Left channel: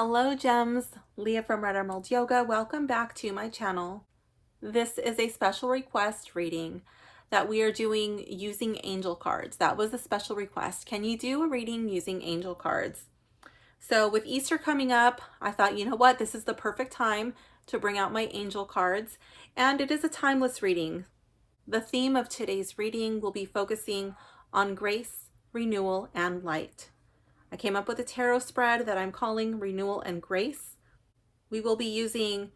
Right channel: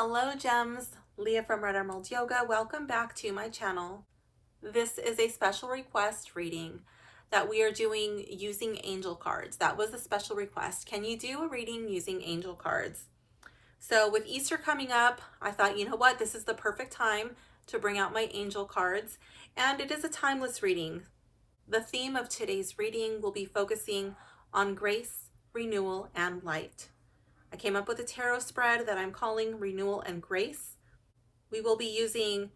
Hello gems, Leah from Red Emerald Yoga. Welcome back to my channel. This is a special request reading that we are doing using angel cards. That was a special request. Can you do a reading using angel cards? So with Easter coming up, I thought, you know what, this is the perfect time to bring out my angel cards, and it is a timeless reading. The theme of today's reading will be focusing on grace, renewal, and light. I came up with a tarot spread that I'm calling Renewal and Grace. We will be using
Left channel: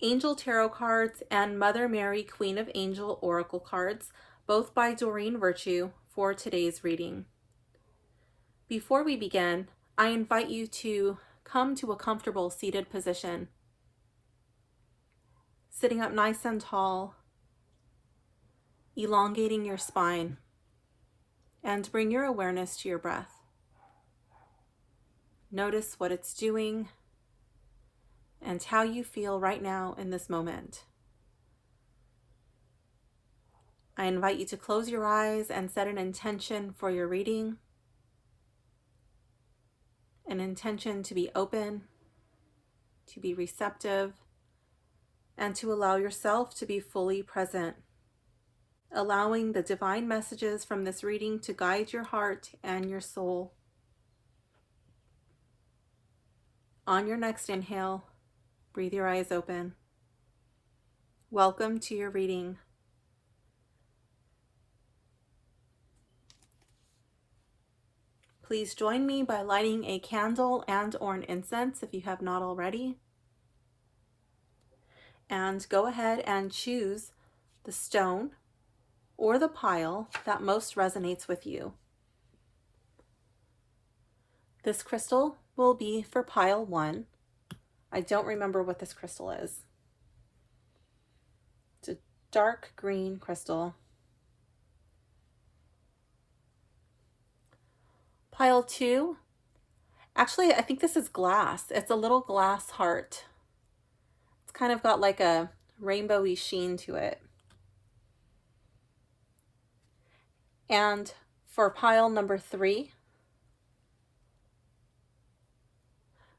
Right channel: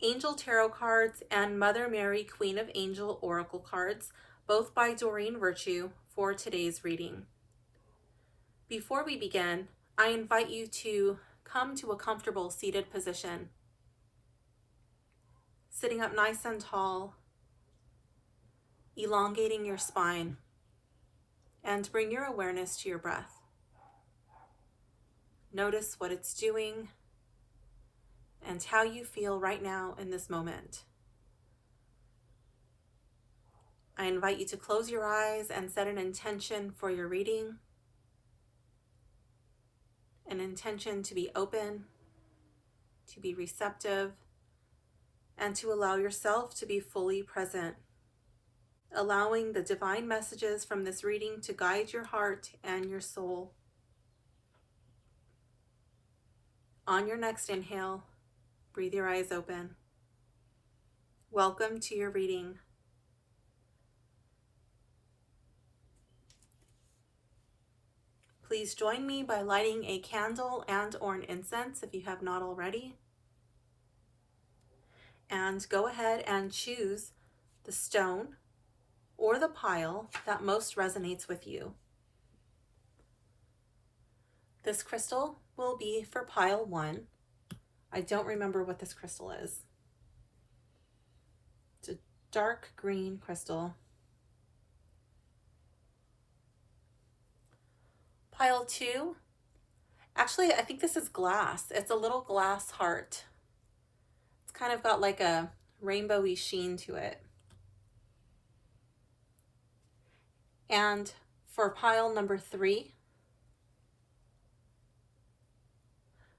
Angel Tarot cards and Mother Mary Queen of Angel Oracle cards, both by Doreen Virtue, for today's reading. Before we begin, I invite you to come to a comfortable seated position, sitting up nice and tall, elongating your spine, and bring your awareness to your breath. Notice what it's doing and how you feel right now in this moment. I invite you to close your eyes and set an intention for your reading, an intention to be open, to be receptive, and to allow yourself to be fully present, allowing the divine messages from this reading to guide your heart and your soul. On your next inhale, breathe your eyes open. Welcome to your reading. Please join me by lighting a candle and/or an incense if you have not already. And go ahead and choose the stone or the pile that most resonates with you. This crystal will be for pile 1. I don't remember what this crystal is. It's a dark green crystal. Pile 2, actually I think this is glass. It's a little glass heart. It's kind of got like a rainbowy sheen to it. And for pile number 3,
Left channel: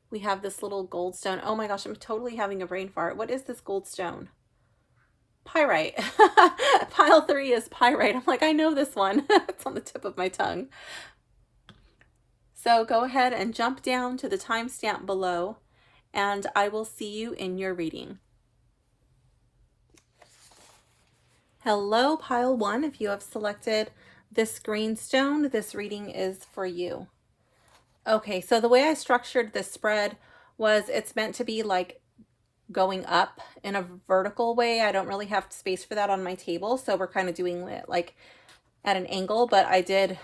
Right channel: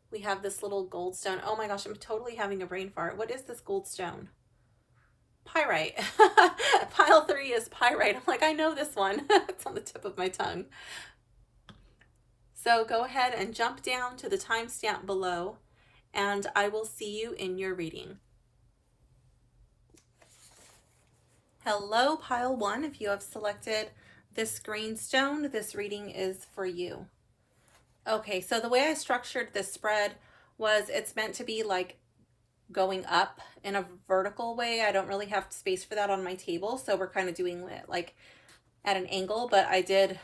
we have this little gold stone. Oh my gosh, I'm totally having a brain fart. What is this gold stone? Pyrite. Pile 3 is pyrite. I'm like, I know this one. It's on the tip of my tongue. So go ahead and jump down to the timestamp below, and I will see you in your reading. Hello, pile 1. If you have selected this green stone, this reading is for you. Okay, so the way I structured this spread was it's meant to be like going up in a vertical way. I don't really have space for that on my table, so we're kind of doing it like at an angle, but I did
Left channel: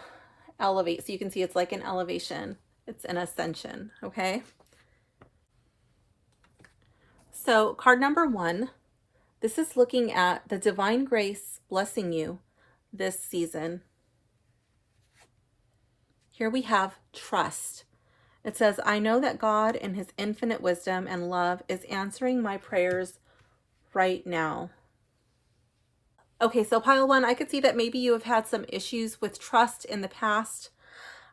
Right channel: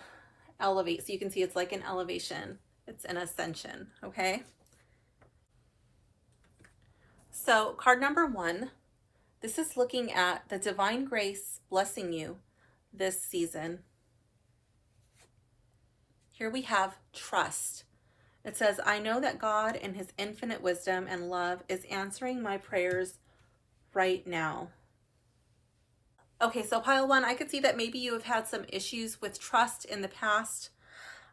elevate, so you can see it's like an elevation. It's an ascension, okay? So card number 1, this is looking at the divine grace blessing you this season. Here we have trust. It says, I know that God in his infinite wisdom and love is answering my prayers right now. Okay, so pile 1, I could see that maybe you have had some issues with trust in the past.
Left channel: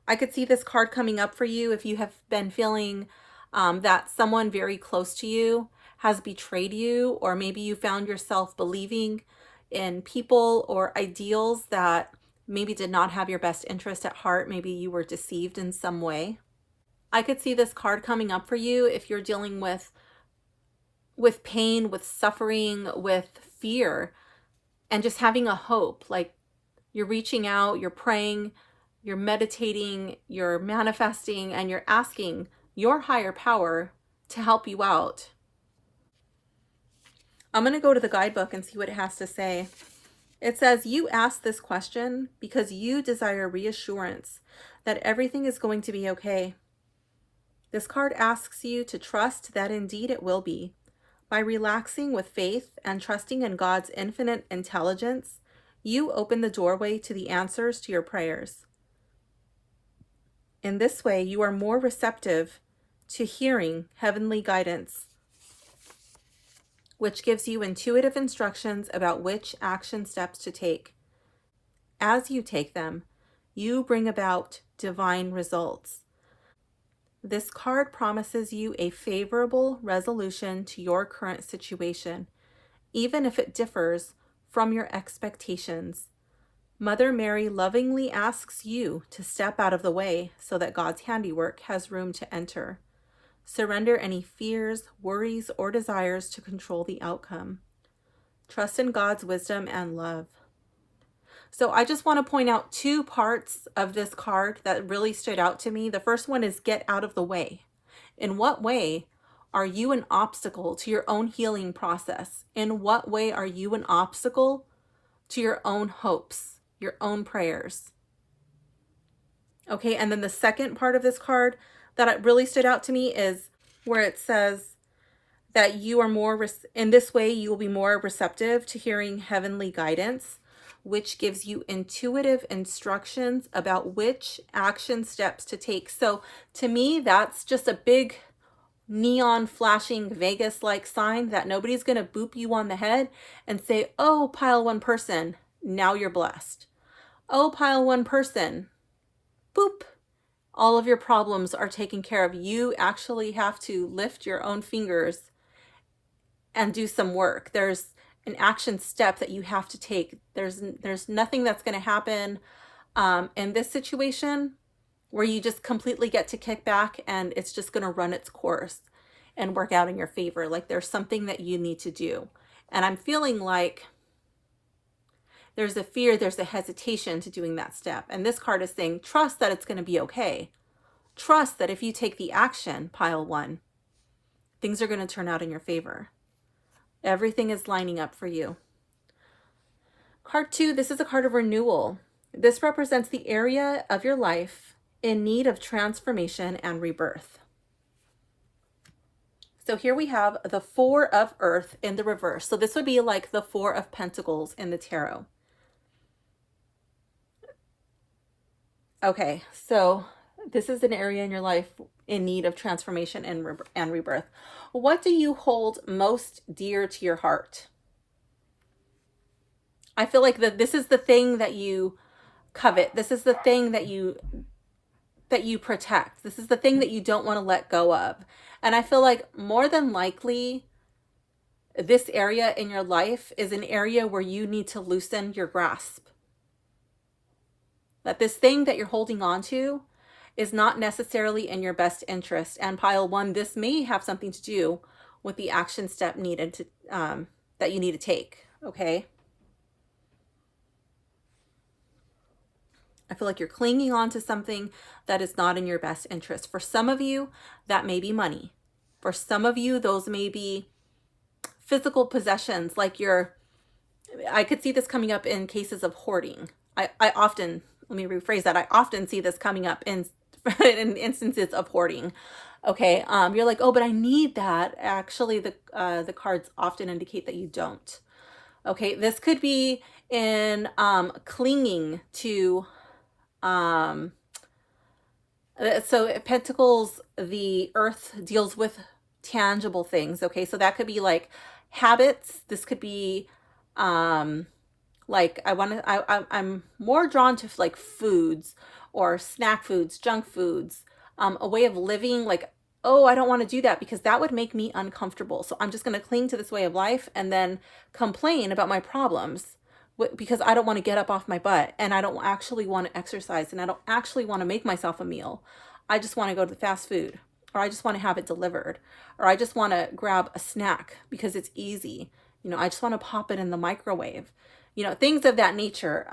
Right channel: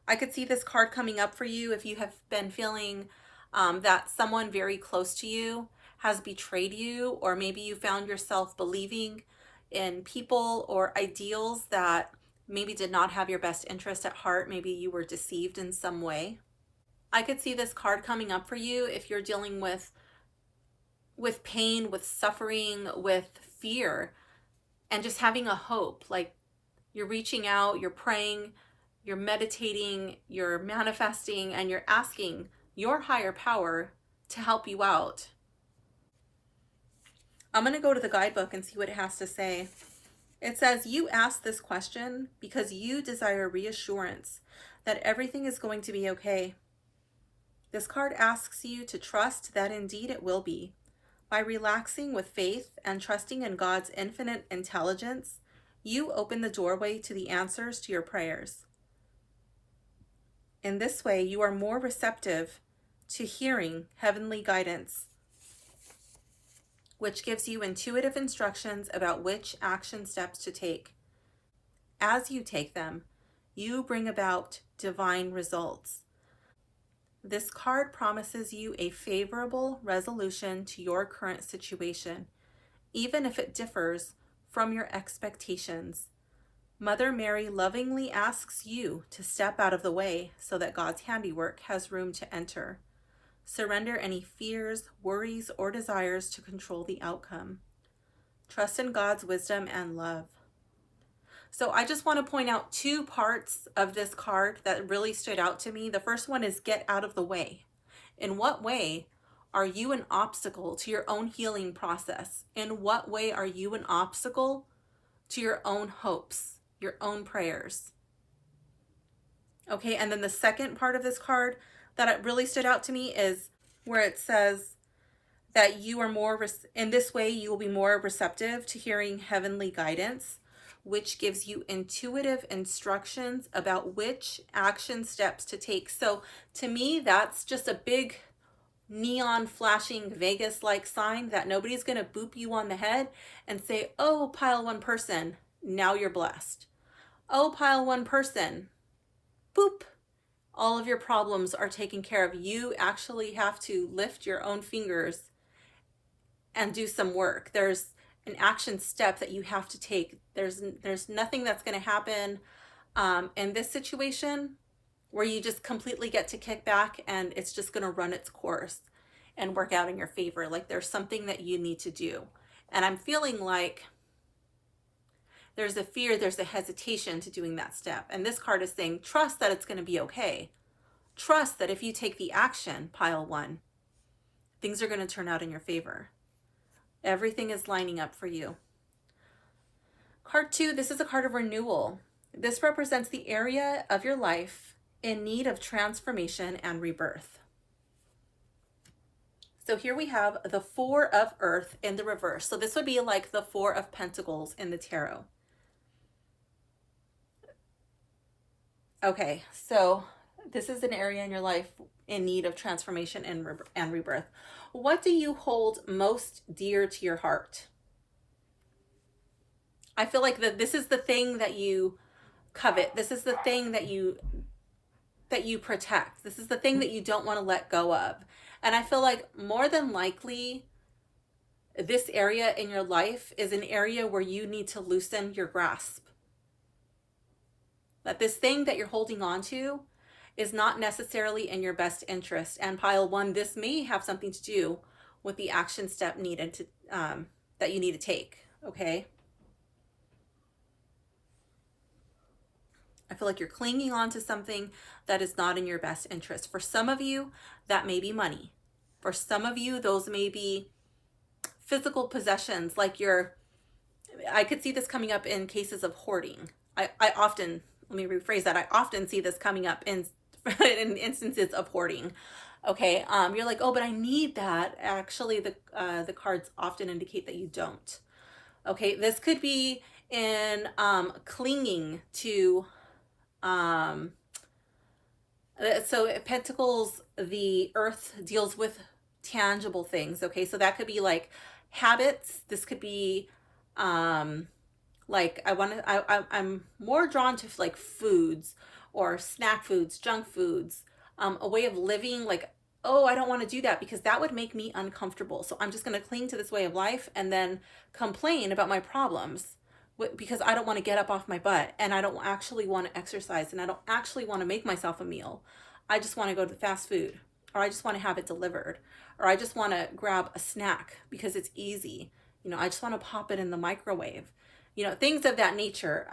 I could see this card coming up for you if you have been feeling that someone very close to you has betrayed you, or maybe you found yourself believing in people or ideals that maybe did not have your best interest at heart. Maybe you were deceived in some way. I could see this card coming up for you if you're dealing with pain, with suffering, with fear, and just having a hope. Like you're reaching out, you're praying, you're meditating, you're manifesting, and you're asking your higher power to help you out. I'm going to go to the guidebook and see what it has to say. It says, you ask this question because you desire reassurance that everything is going to be okay. This card asks you to trust that indeed it will be. By relaxing with faith and trusting in God's infinite intelligence, you open the doorway to the answers to your prayers. In this way, you are more receptive to hearing heavenly guidance, which gives you intuitive instructions about which action steps to take. As you take them, you bring about divine results. This card promises you a favorable resolution to your current situation, even if it differs from your expectations. Mother Mary lovingly asks you to step out of the way so that God's handiwork has room to enter. Surrender any fears, worries, or desires to control the outcome. Trust in God's wisdom and love. So I just want to point out two parts of this card that really stood out to me. The first one is get out of the way. In what way are you an obstacle to your own healing process? In what way are you an obstacle to your own hopes, your own prayers? Okay, and then the second part of this card that really stood out to me is where it says that you are more, in this way, you will be more receptive to hearing heavenly guidance, which gives you intuitive instructions about which action steps to take. So to me, that's just a big neon flashing Vegas-like sign that nobody's going to boop you on the head and say, oh, pile one person, now you're blessed. Oh, pile one person, boop, all of your problems are taken care of. You actually have to lift your own fingers and do some work. There's an action step that you have to take. There's nothing that's going to happen in this situation where you just completely get to kick back and it's just going to run its course and work out in your favor. Like there's something that you need to do. And I'm feeling like there's a fear, there's a hesitation to doing that step. And this card is saying, trust that it's going to be okay. Trust that if you take the action, pile one, things are going to turn out in your favor. Everything is lining up for you. Card 2, this is a card of renewal. This represents the area of your life in need of transformation and rebirth. So here we have the Four of Earth in the reverse. So this would be like the Four of Pentacles in the tarot. Okay, so this is an area in your life in need of transformation and rebirth. What do you hold most dear to your heart? I feel like this is the thing that you covet. This is the thing that you protect. This is the thing that you don't want to let go of. And I feel like more than likely, this area in your life is an area where you need to loosen your grasp. That this thing that you're holding on to is not necessarily in your best interest. And pile one, this may have something to do with the action step needed to that you need to take. Okay. I feel like you're clinging on to something that is not in your best interest. For some of you, that may be money. For some of you, those may be physical possessions, like I could see this coming up in cases of hoarding. I often, let me rephrase that. I often see this coming up in instances of hoarding. Okay. You're like, oh, but I need that. Actually, the cards often indicate that you don't. Okay. This could be in clinging to so Pentacles, the earth deals with tangible things. Okay. So that could be like habits. This could be like I'm more drawn to like foods or snack foods, junk foods, a way of living. Like, oh, I don't want to do that because that would make me uncomfortable. So I'm just going to cling to this way of life and then complain about my problems because I don't want to get up off my butt and I don't actually want to exercise and I don't actually want to make myself a meal. I just want to go to the fast food, or I just want to have it delivered, or I just want to grab a snack because it's easy. You know, I just want to pop it in the microwave, you know, things of that nature.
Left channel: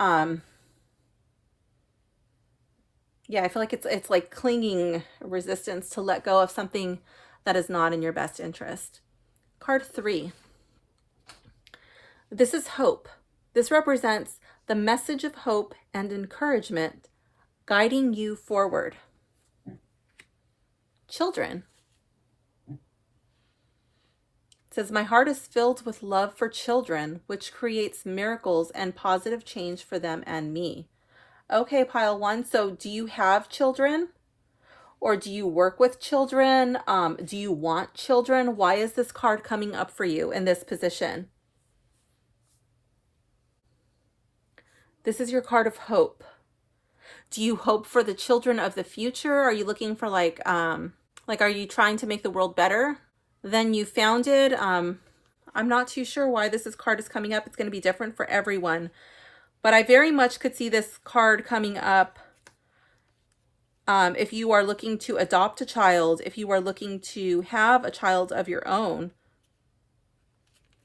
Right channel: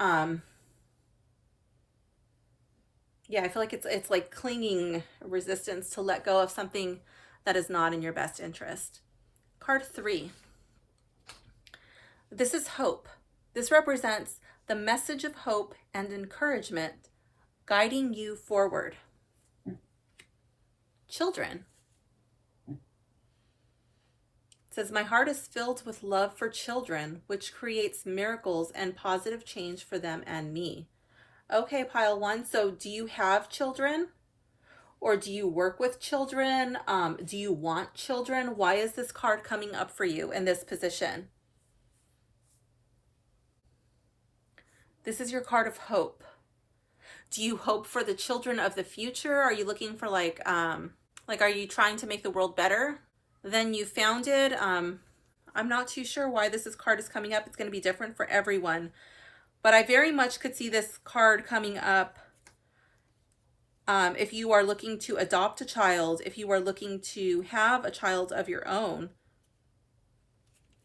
Yeah, I feel like it's like clinging resistance to let go of something that is not in your best interest. Card 3. This is hope. This represents the message of hope and encouragement guiding you forward. Children. It says, my heart is filled with love for children, which creates miracles and positive change for them and me. Okay, pile one. So do you have children? Or do you work with children? Do you want children? Why is this card coming up for you in this position? This is your card of hope. Do you hope for the children of the future? Are you looking for like Like, are you trying to make the world better than you found it? I'm not too sure why card is coming up. It's going to be different for everyone. But I very much could see this card coming up if you are looking to adopt a child, if you are looking to have a child of your own.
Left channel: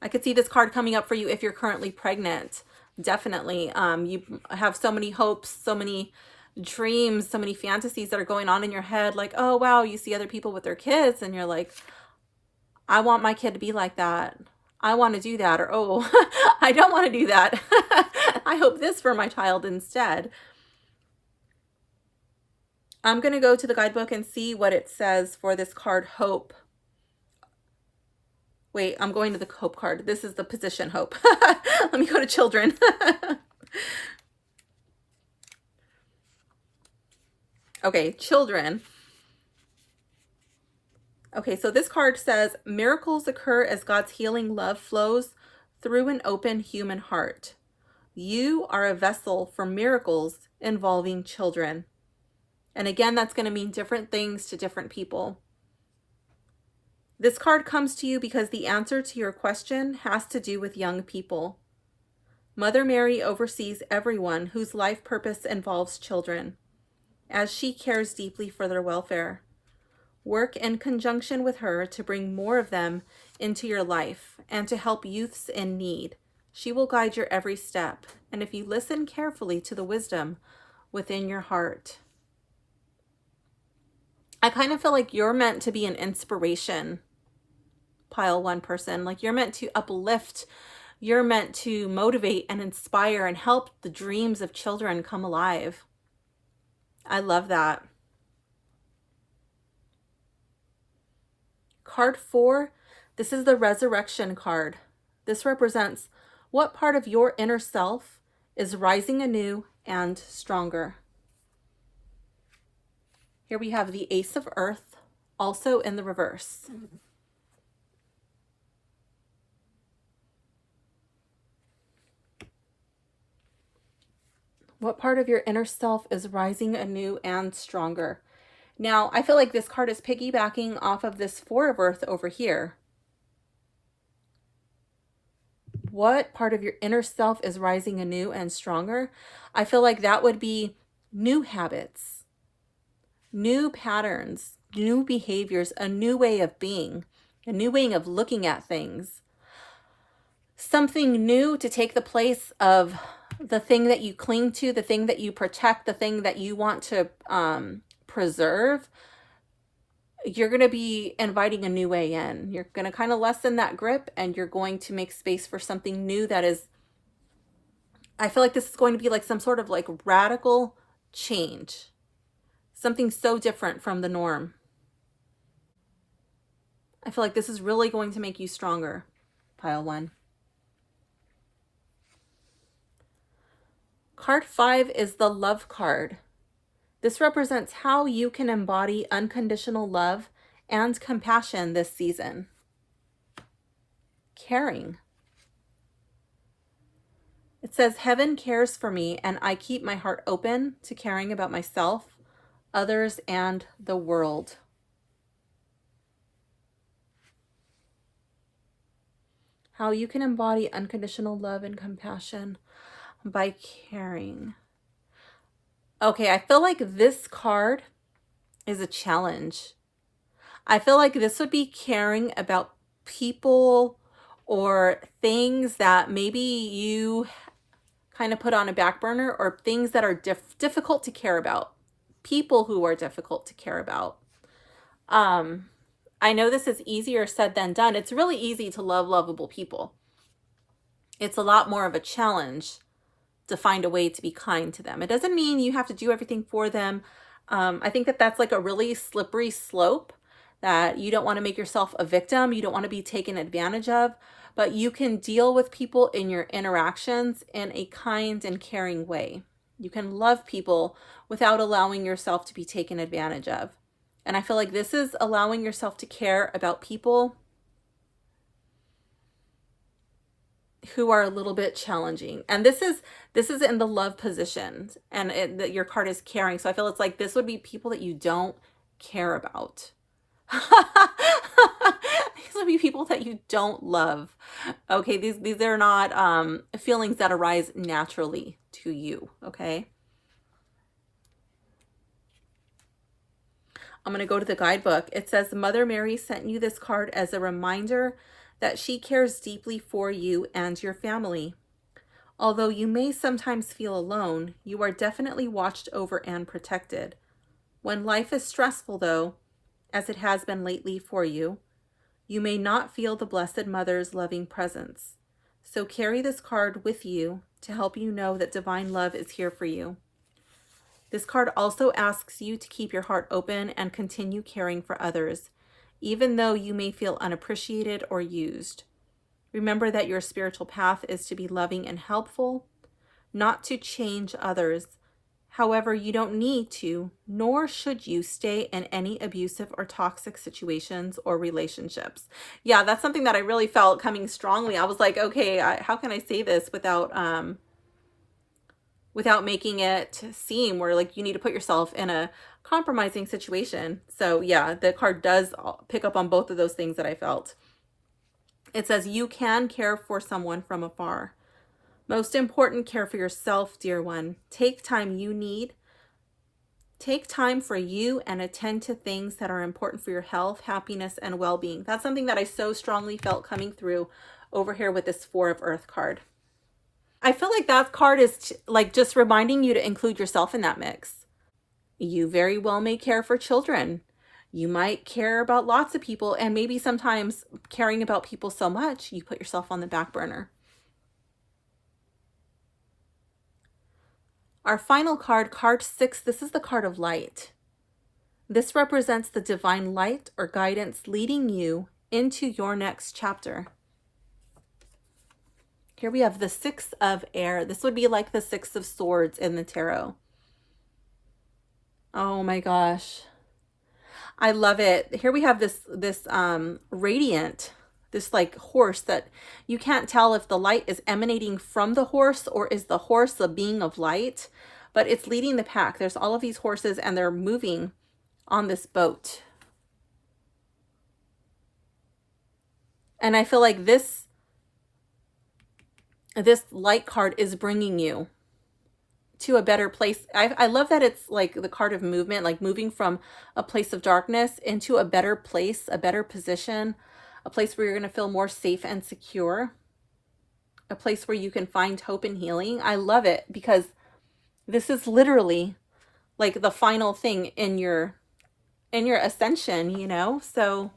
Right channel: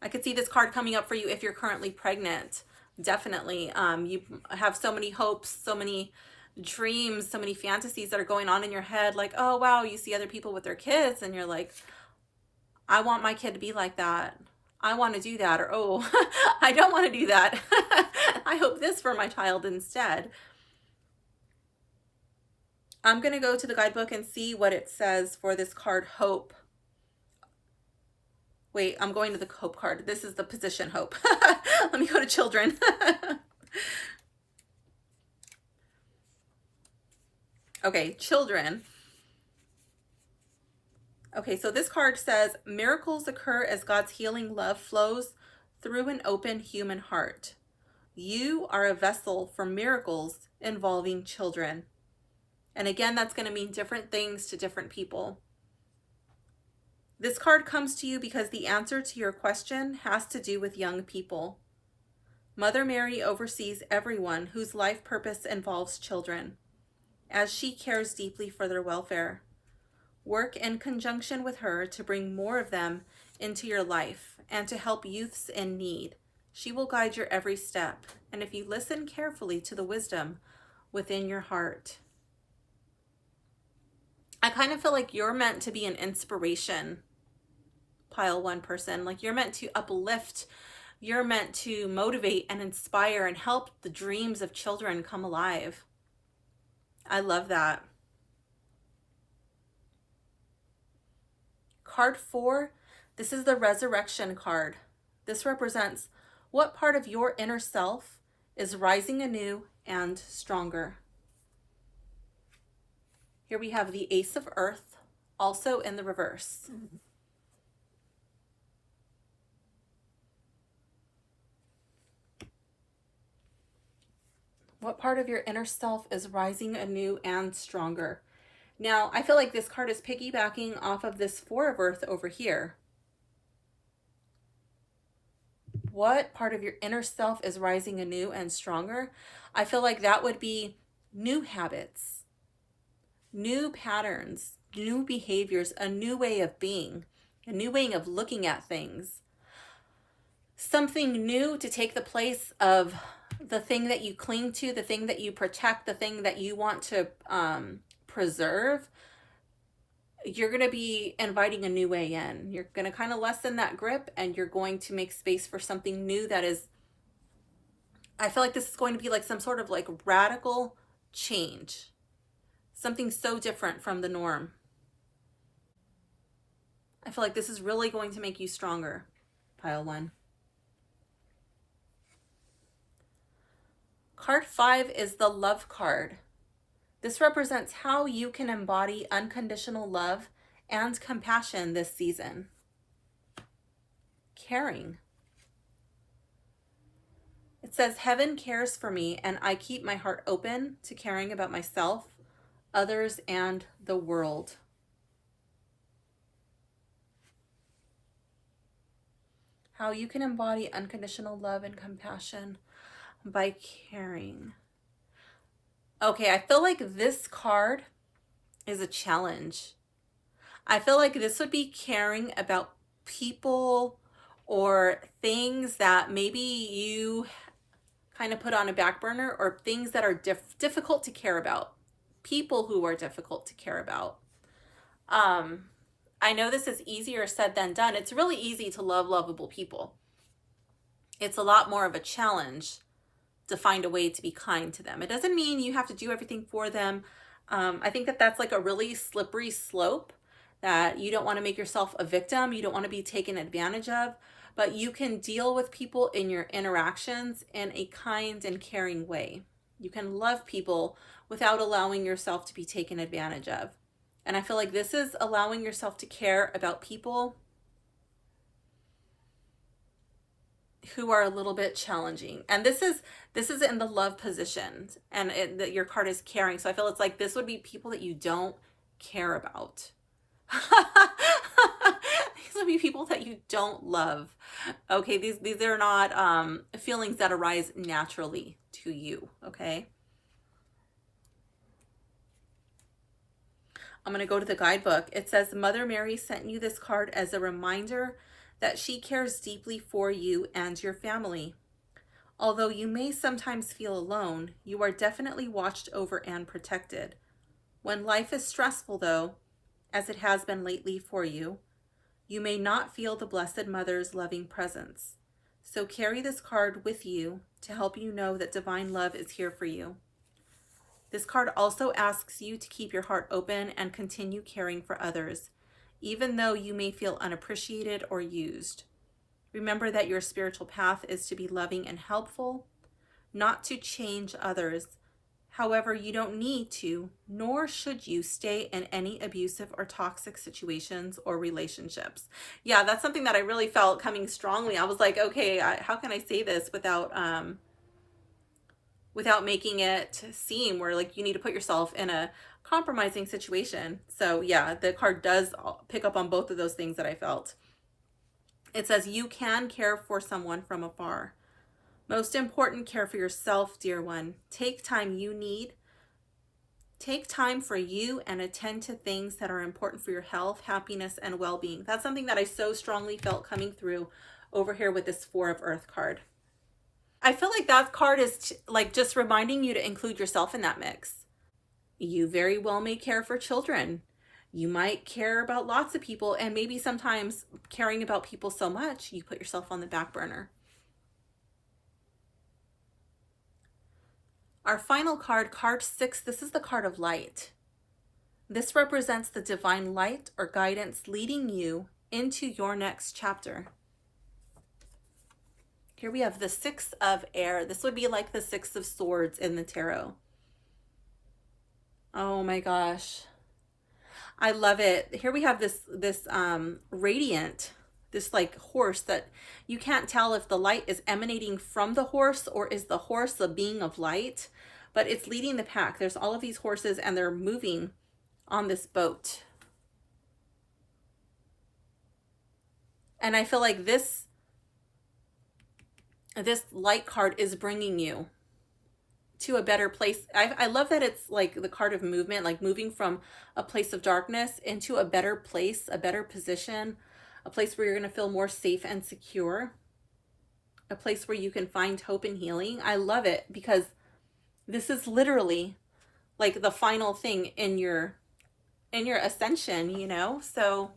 I could see this card coming up for you if you're currently pregnant. Definitely. You have so many hopes, so many dreams, so many fantasies that are going on in your head. Like, oh, wow, you see other people with their kids and you're like, I want my kid to be like that. I want to do that. Or, oh, I don't want to do that. I hope this for my child instead. I'm going to go to the guidebook and see what it says for this card, Hope. Wait, I'm going to the Hope card. This is the position, Hope. Let me go to Children. Okay, Children. Okay, so this card says, miracles occur as God's healing love flows through an open human heart. You are a vessel for miracles involving children. And again, that's going to mean different things to different people. This card comes to you because the answer to your question has to do with young people. Mother Mary oversees everyone whose life purpose involves children, as she cares deeply for their welfare. Work in conjunction with her to bring more of them into your life and to help youths in need. She will guide your every step, and if you listen carefully to the wisdom within your heart. I kind of feel like you're meant to be an inspiration, pile one person. Like, you're meant to uplift, you're meant to motivate and inspire and help the dreams of children come alive. I love that. Card 4, this is the Resurrection card. This represents what part of your inner self is rising anew and stronger. Here we have the Ace of Earth, also in the reverse. What part of your inner self is rising anew and stronger? Now, I feel like this card is piggybacking off of this Four of Earth over here. What part of your inner self is rising anew and stronger? I feel like that would be new habits, new patterns, new behaviors, a new way of being, a new way of looking at things. Something new to take the place of the thing that you cling to, the thing that you protect, the thing that you want to preserve. You're going to be inviting a new way in. You're going to kind of lessen that grip, and you're going to make space for something new that is, I feel like this is going to be like some sort of like radical change. Something so different from the norm. I feel like this is really going to make you stronger, pile one. Card 5 is the Love card. This represents how you can embody unconditional love and compassion this season. Caring. It says, heaven cares for me, and I keep my heart open to caring about myself, others, and the world. How you can embody unconditional love and compassion by caring. Okay, I feel like this card is a challenge. I feel like this would be caring about people or things that maybe you kind of put on a back burner, or things that are difficult to care about. People who are difficult to care about. I know this is easier said than done. It's really easy to love lovable people. It's a lot more of a challenge to find a way to be kind to them. It doesn't mean you have to do everything for them. I think that that's like a really slippery slope, that you don't want to make yourself a victim. You don't want to be taken advantage of, but you can deal with people in your interactions in a kind and caring way. You can love people without allowing yourself to be taken advantage of. And I feel like this is allowing yourself to care about people who are a little bit challenging. And this is in the love position, and that your card is caring. So I feel it's like this would be people that you don't care about. These would be people that you don't love. Okay, these are not feelings that arise naturally to you, okay? I'm going to go to the guidebook. It says Mother Mary sent you this card as a reminder that she cares deeply for you and your family. Although you may sometimes feel alone, you are definitely watched over and protected. When life is stressful, though, as it has been lately for you, you may not feel the Blessed Mother's loving presence. So carry this card with you to help you know that divine love is here for you. This card also asks you to keep your heart open and continue caring for others, even though you may feel unappreciated or used. Remember that your spiritual path is to be loving and helpful, not to change others. However, you don't need to, nor should you stay in any abusive or toxic situations or relationships. Yeah, that's something that I really felt coming strongly. I was like, okay, how can I say this without making it seem where like you need to put yourself in a compromising situation. So yeah, the card does pick up on both of those things that I felt. It says you can care for someone from afar. Most important, care for yourself, dear one. Take time you need. Take time for you and attend to things that are important for your health, happiness, and well-being. That's something that I so strongly felt coming through over here with this Four of Earth card. I feel like that card is like just reminding you to include yourself in that mix. You very well may care for children. You might care about lots of people, and maybe sometimes caring about people so much, you put yourself on the back burner. Our final card, card 6, this is the card of light. This represents the divine light or guidance leading you into your next chapter. Here we have the 6 of air. This would be like the 6 of swords in the tarot. Oh my gosh. I love it. Here we have this radiant, this like horse that you can't tell if the light is emanating from the horse or is the horse a being of light, but it's leading the pack. There's all of these horses and they're moving on this boat. And I feel like this light card is bringing you to a better place. I love that it's like the card of movement, like moving from a place of darkness into a better place, a better position, a place where you're going to feel more safe and secure, a place where you can find hope and healing. I love it because this is literally like the final thing in your ascension, you know? So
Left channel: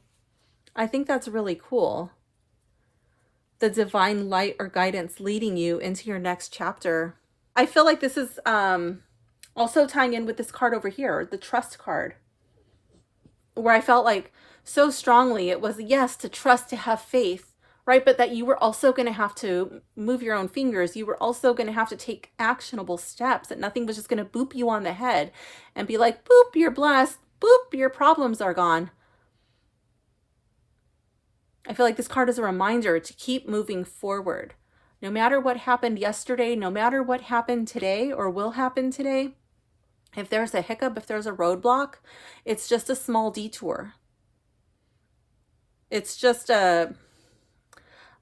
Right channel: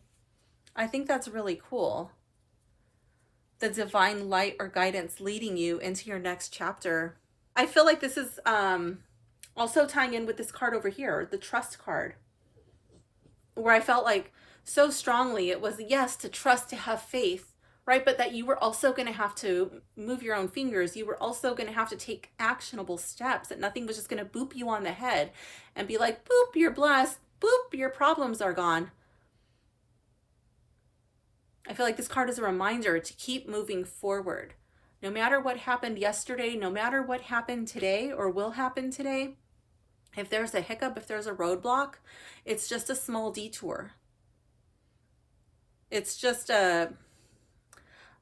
I think that's really cool. The divine light or guidance leading you into your next chapter. I feel like this is also tying in with this card over here, the trust card, where I felt like so strongly it was yes, to trust, to have faith, right? But that you were also going to have to move your own fingers. You were also going to have to take actionable steps, that nothing was just going to boop you on the head and be like, boop, you're blessed, boop, your problems are gone. I feel like this card is a reminder to keep moving forward. No matter what happened yesterday, no matter what happened today or will happen today, if there's a hiccup, if there's a roadblock, it's just a small detour. It's just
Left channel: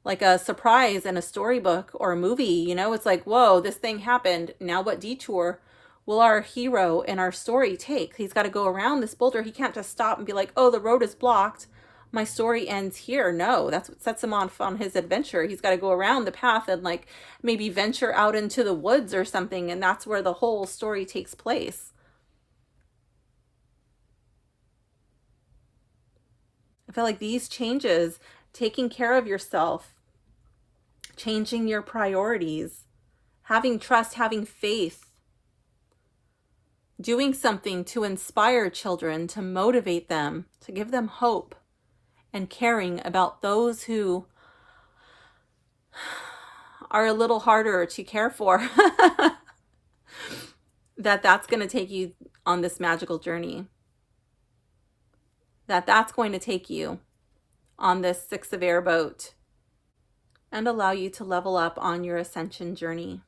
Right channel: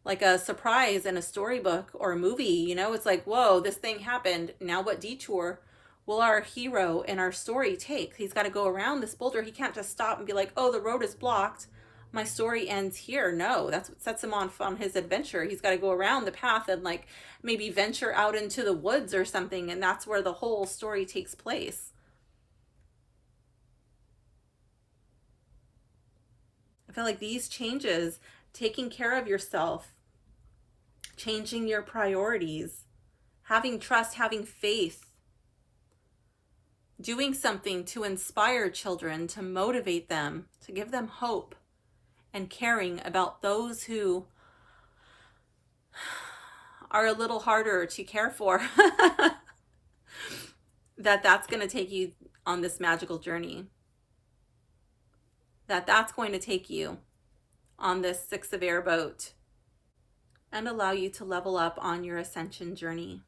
like a surprise in a storybook or a movie, you know? It's like, whoa, this thing happened. Now what detour will our hero in our story take? He's got to go around this boulder. He can't just stop and be like, oh, the road is blocked, my story ends here. No, that's what sets him on his adventure. He's got to go around the path and like maybe venture out into the woods or something, and that's where the whole story takes place. I feel like these changes, taking care of yourself, changing your priorities, having trust, having faith, doing something to inspire children, to motivate them, to give them hope, and caring about those who are a little harder to care for, that's going to take you on this magical journey. That's going to take you on this 6 of air boat and allow you to level up on your ascension journey.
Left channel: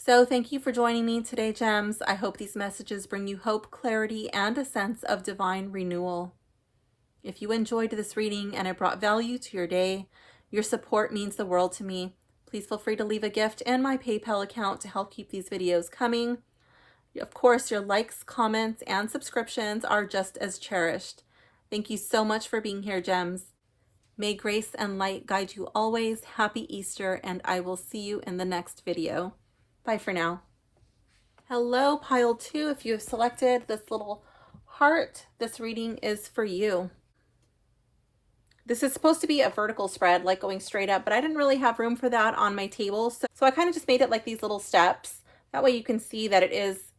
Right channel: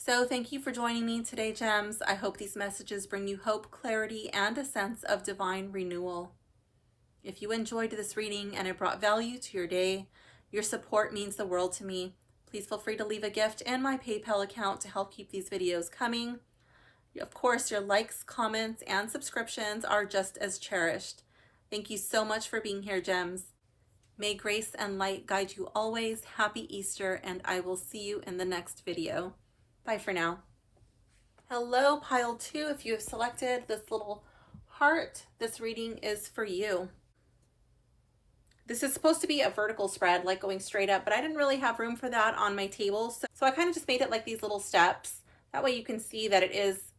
So thank you for joining me today, Gems. I hope these messages bring you hope, clarity, and a sense of divine renewal. If you enjoyed this reading and it brought value to your day, your support means the world to me. Please feel free to leave a gift in my PayPal account to help keep these videos coming. Of course, your likes, comments, and subscriptions are just as cherished. Thank you so much for being here, Gems. May grace and light guide you always. Happy Easter, and I will see you in the next video. Bye for now. Hello, pile 2. If you have selected this little heart, this reading is for you. This is supposed to be a vertical spread, like going straight up, but I didn't really have room for that on my table. So I kind of just made it like these little steps. That way you can see that it is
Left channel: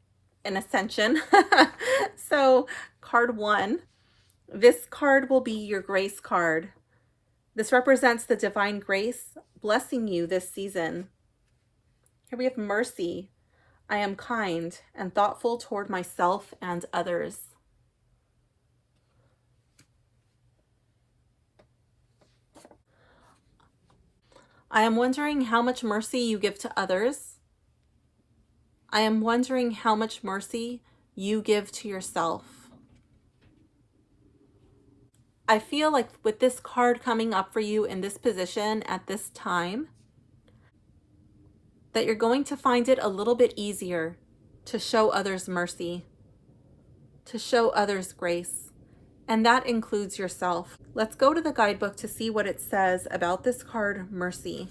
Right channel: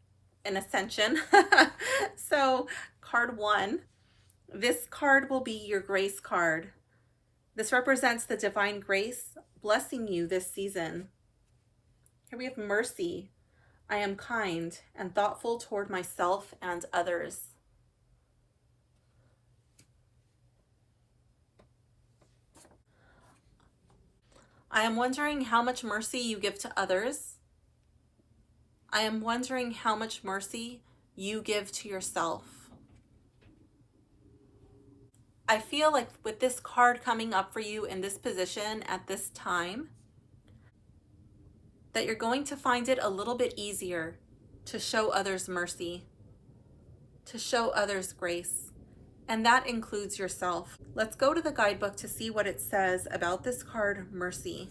an ascension. So card 1, this card will be your grace card. This represents the divine grace blessing you this season. Here we have mercy. I am kind and thoughtful toward myself and others. I am wondering how much mercy you give to others. I am wondering how much mercy you give to yourself. I feel like with this card coming up for you in this position at this time, that you're going to find it a little bit easier to show others mercy, to show others grace. And that includes yourself. Let's go to the guidebook to see what it says about this card, mercy.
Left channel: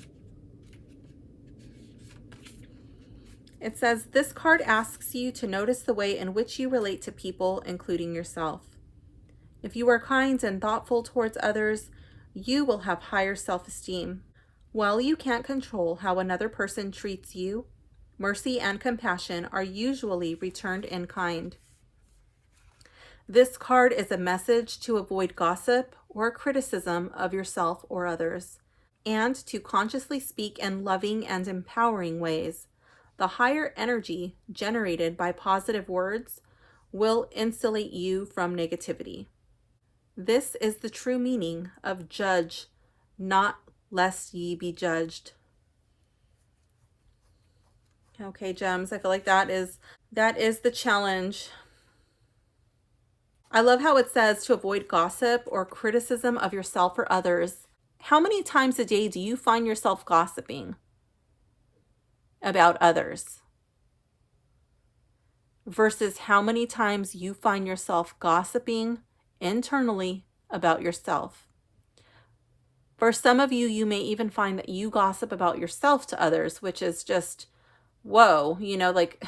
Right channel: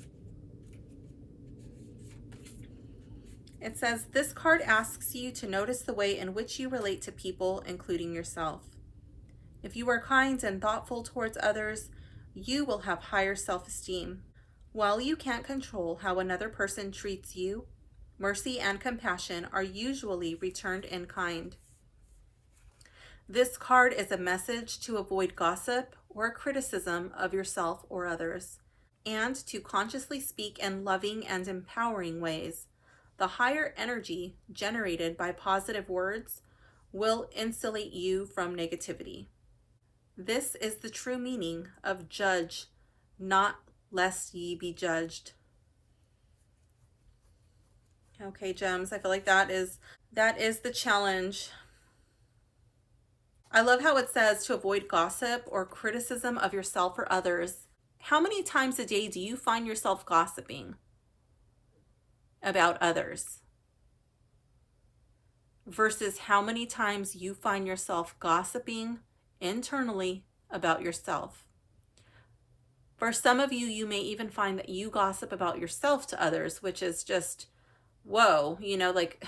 It says, this card asks you to notice the way in which you relate to people, including yourself. If you are kind and thoughtful towards others, you will have higher self-esteem. While you can't control how another person treats you, mercy and compassion are usually returned in kind. This card is a message to avoid gossip or criticism of yourself or others, and to consciously speak in loving and empowering ways. The higher energy generated by positive words will insulate you from negativity. This is the true meaning of judge, not lest ye be judged. Okay, Gems, I feel like that is the challenge. I love how it says to avoid gossip or criticism of yourself or others. How many times a day do you find yourself gossiping about others? Versus how many times you find yourself gossiping internally about yourself. For some of you, you may even find that you gossip about yourself to others, which is just, whoa, like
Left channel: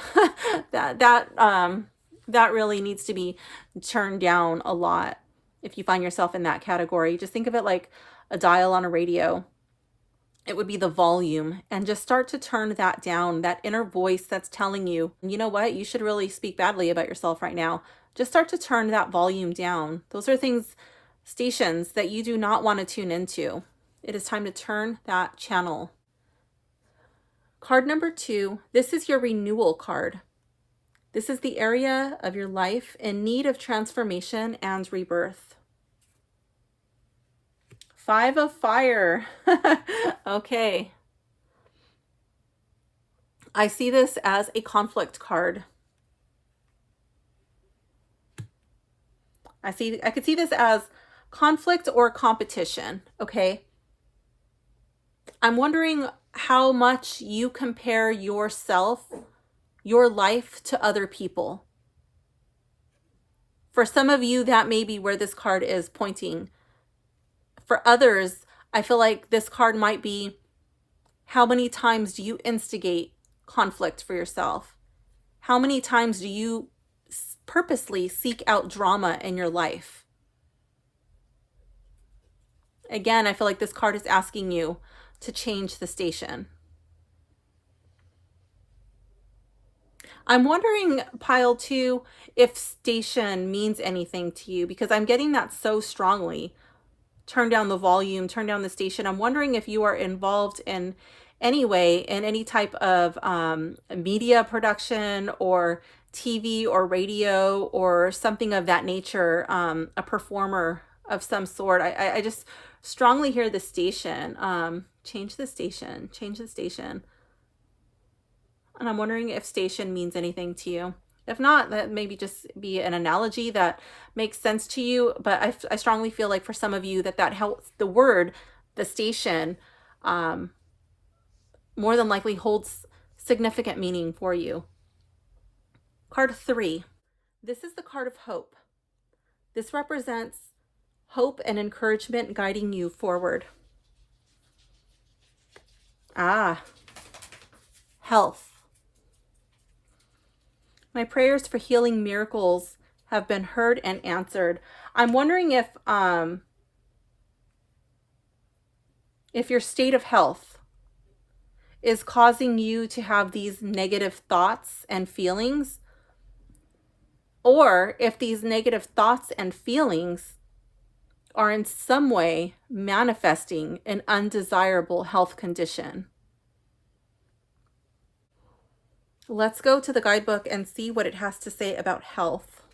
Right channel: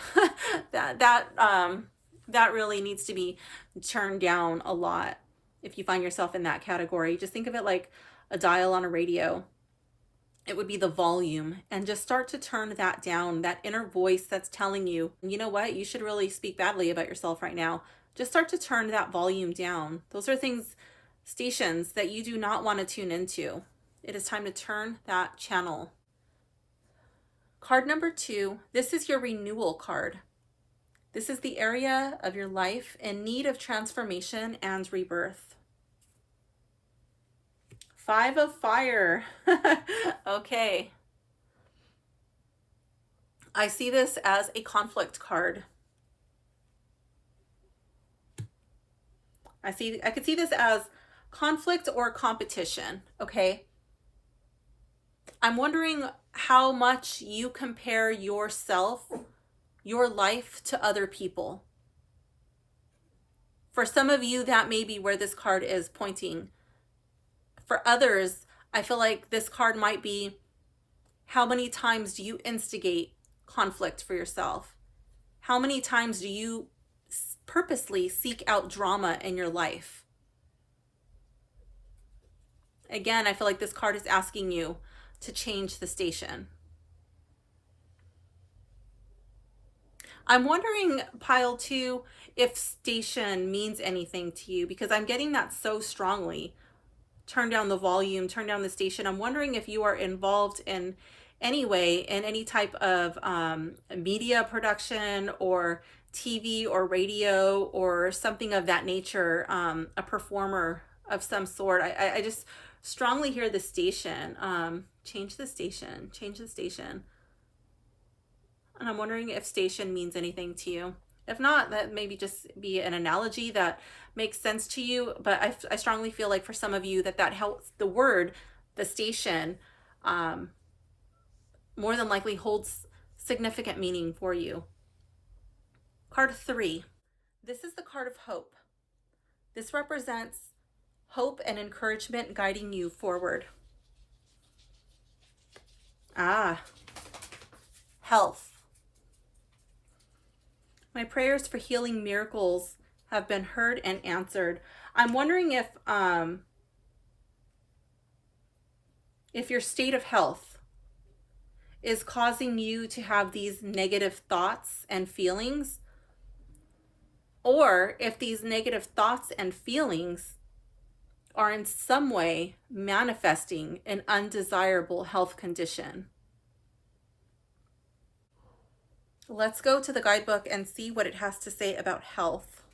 that really needs to be turned down a lot. If you find yourself in that category, just think of it like a dial on a radio. It would be the volume, and just start to turn that down, that inner voice that's telling you, you know what, you should really speak badly about yourself right now. Just start to turn that volume down. Those are stations that you do not want to tune into. It is time to turn that channel. Card number 2, this is your renewal card. This is the area of your life in need of transformation and rebirth. 5 of fire. Okay. I see this as a conflict card. I could see this as conflict or competition, okay? I'm wondering how much you compare yourself, your life, to other people. For some of you, that may be where this card is pointing. For others, I feel like this card might be, how many times do you instigate conflict for yourself? How many times do you purposely seek out drama in your life? Again, I feel like this card is asking you to change the station. I'm wondering, pile 2, if station means anything to you, because I'm getting that so strongly. Turn down the volume, turn down the station. I'm wondering if you are involved in any way in any type of media production or TV or radio or something of that nature, a performer of some sort. I just strongly hear the station. Change the station, change the station. And I'm wondering if station means anything to you. If not, that maybe just be an analogy that makes sense to you. But I strongly feel like for some of you that helps. The word, the station, um, more than likely holds significant meaning for you. Card 3. This is the card of hope. This represents hope and encouragement guiding you forward. Health. My prayers for healing miracles have been heard and answered. I'm wondering if your state of health is causing you to have these negative thoughts and feelings, or if these negative thoughts and feelings are in some way manifesting an undesirable health condition. Let's go to the guidebook and see what it has to say about health.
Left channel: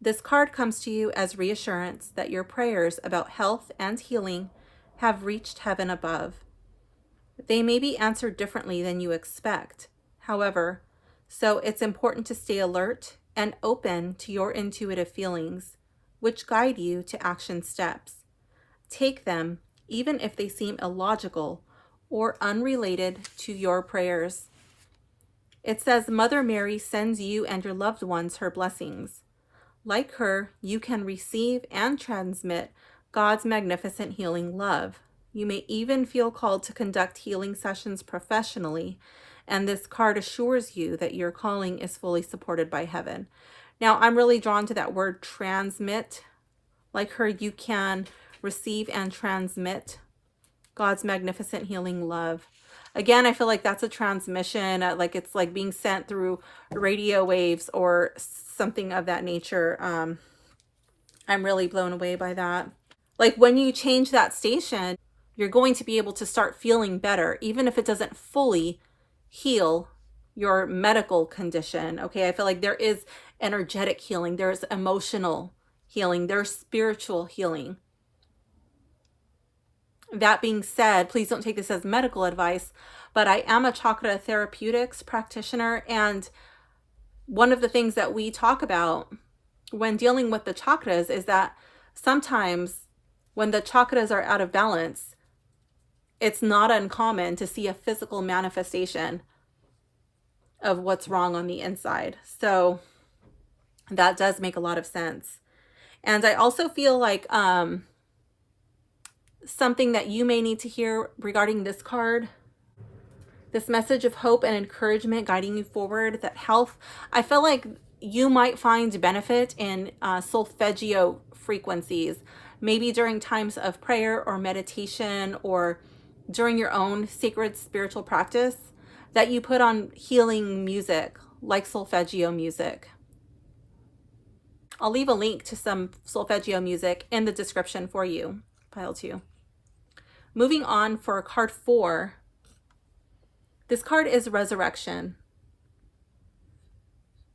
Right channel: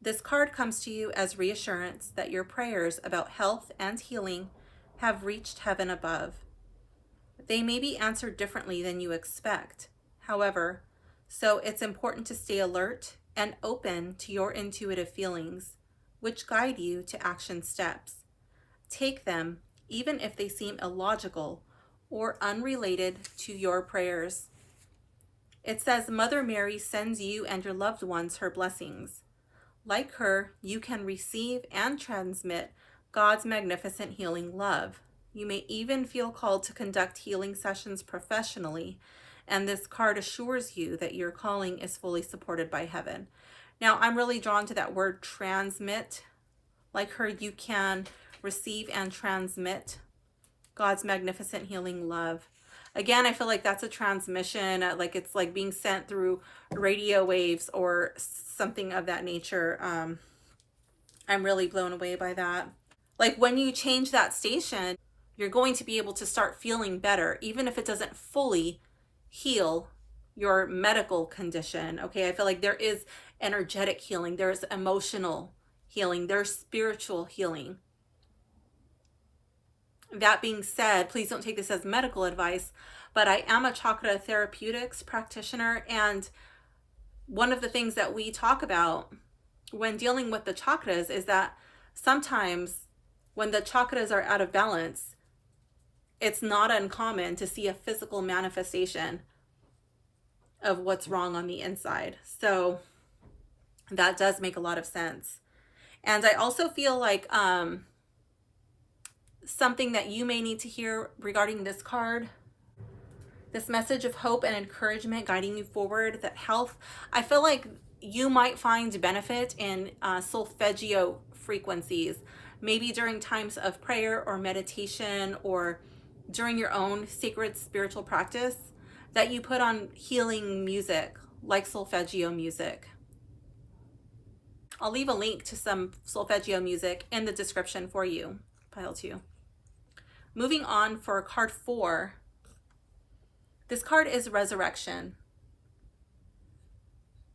This card comes to you as reassurance that your prayers about health and healing have reached heaven above. They may be answered differently than you expect, however, so it's important to stay alert and open to your intuitive feelings, which guide you to action steps. Take them, even if they seem illogical or unrelated to your prayers. It says Mother Mary sends you and your loved ones her blessings. Like her, you can receive and transmit God's magnificent healing love. You may even feel called to conduct healing sessions professionally, and this card assures you that your calling is fully supported by heaven. Now, I'm really drawn to that word transmit. Like her, you can receive and transmit God's magnificent healing love. Again, I feel like that's a transmission, like it's like being sent through radio waves or something of that nature. I'm really blown away by that. Like when you change that station, you're going to be able to start feeling better, even if it doesn't fully heal your medical condition. Okay, I feel like there is energetic healing, there's emotional healing, there's spiritual healing. That being said, please don't take this as medical advice, but I am a chakra therapeutics practitioner, and one of the things that we talk about when dealing with the chakras is that sometimes when the chakras are out of balance, it's not uncommon to see a physical manifestation of what's wrong on the inside. So that does make a lot of sense. And I also feel like something that you may need to hear regarding this card, this message of hope and encouragement guiding you forward, that health, I feel like you might find benefit in solfeggio frequencies, maybe during times of prayer or meditation, or during your own sacred spiritual practice, that you put on healing music like solfeggio music. I'll leave a link to some solfeggio music in the description for you, pile 2. Moving on for card 4. This card is resurrection.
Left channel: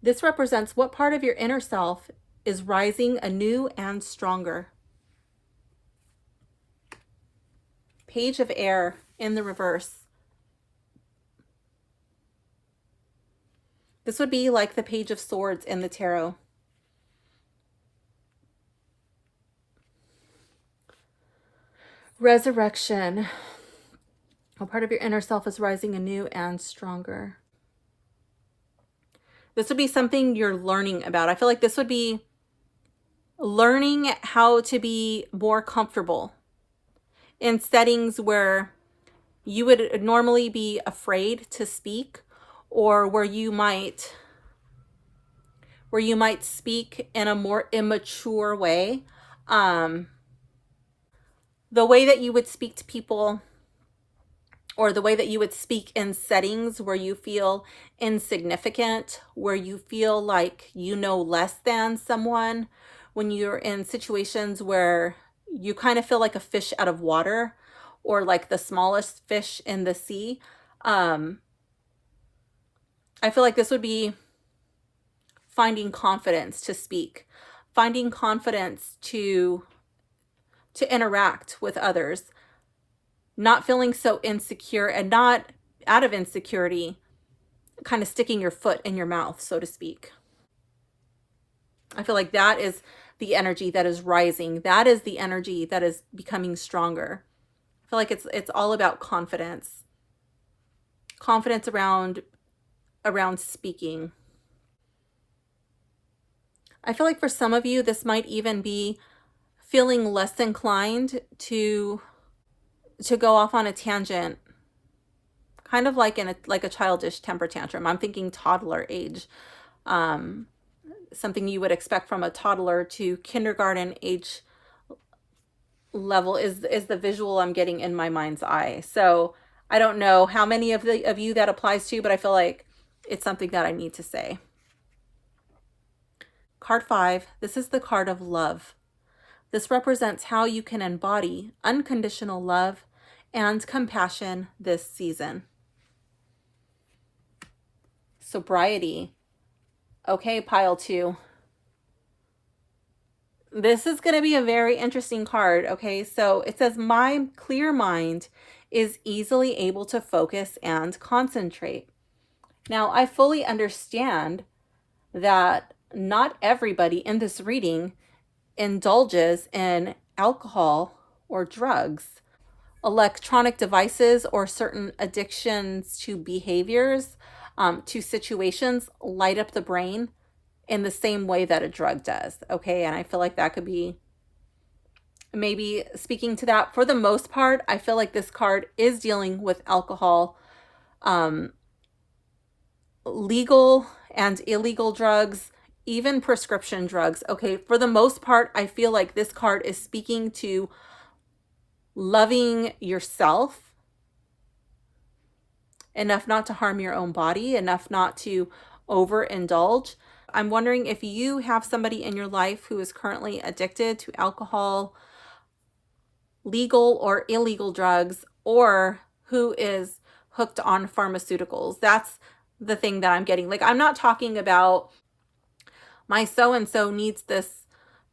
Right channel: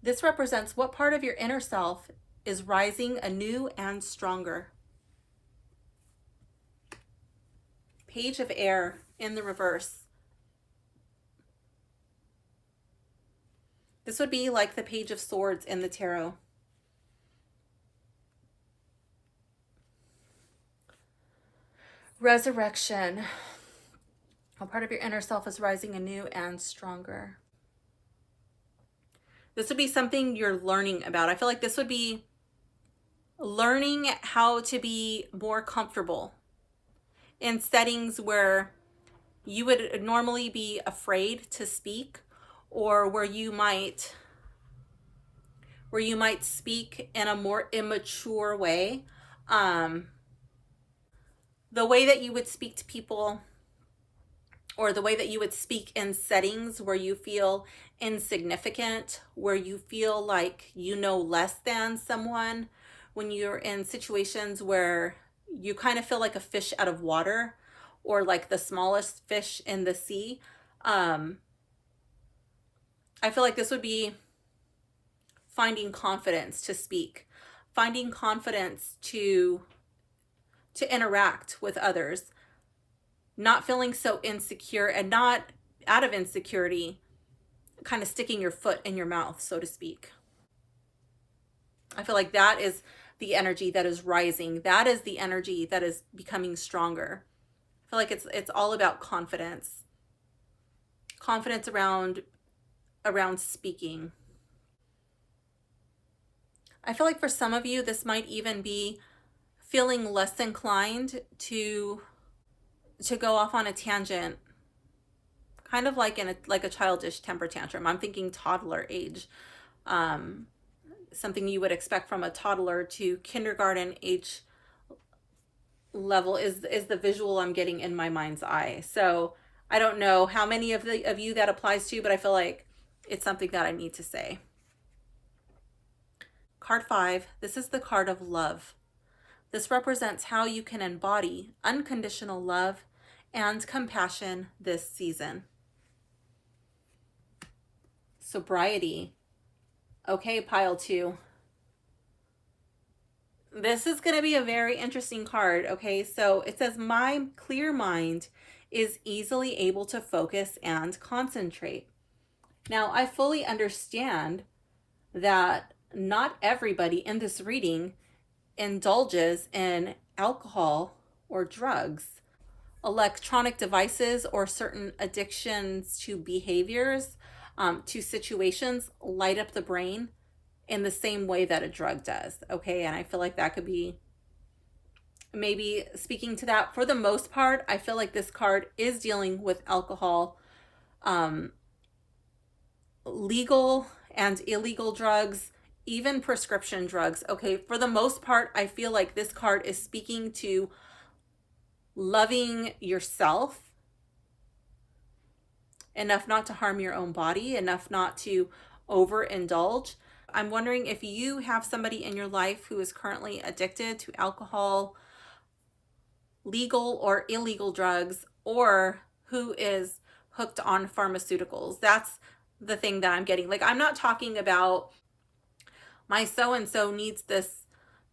This represents what part of your inner self is rising anew and stronger. Page of Air in the reverse. This would be like the Page of Swords in the tarot. Resurrection. What part of your inner self is rising anew and stronger? This would be something you're learning about. I feel like this would be learning how to be more comfortable in settings where you would normally be afraid to speak, or where you might speak in a more immature way. The way that you would speak to people, or the way that you would speak in settings where you feel insignificant, where you feel like you know less than someone, when you're in situations where you kind of feel like a fish out of water, or like the smallest fish in the sea. I feel like this would be finding confidence to speak, finding confidence to interact with others, not feeling so insecure, and not out of insecurity, kind of sticking your foot in your mouth, so to speak. I feel like that is the energy that is rising. That is the energy that is becoming stronger. I feel like it's all about confidence. Confidence around speaking. I feel like for some of you, this might even be feeling less inclined to go off on a tangent, kind of like like a childish temper tantrum. I'm thinking toddler age. Something you would expect from a toddler to kindergarten age level is the visual I'm getting in my mind's eye. So I don't know how many of you that applies to, but I feel like it's something that I need to say. Card 5, this is the card of love. This represents how you can embody unconditional love and compassion this season. Sobriety. Okay, pile 2. This is going to be a very interesting card. Okay, so it says, my clear mind is easily able to focus and concentrate. Now, I fully understand that not everybody in this reading indulges in alcohol or drugs. Electronic devices or certain addictions to behaviors, to situations, light up the brain in the same way that a drug does. Okay, and I feel like that could be maybe speaking to that. For the most part, I feel like this card is dealing with alcohol, legal and illegal drugs, even prescription drugs. Okay, for the most part, I feel like this card is speaking to loving yourself enough not to harm your own body, enough not to overindulge. I'm wondering if you have somebody in your life who is currently addicted to alcohol, legal or illegal drugs, or who is hooked on pharmaceuticals. That's the thing that I'm getting. Like, I'm not talking about my so-and-so needs this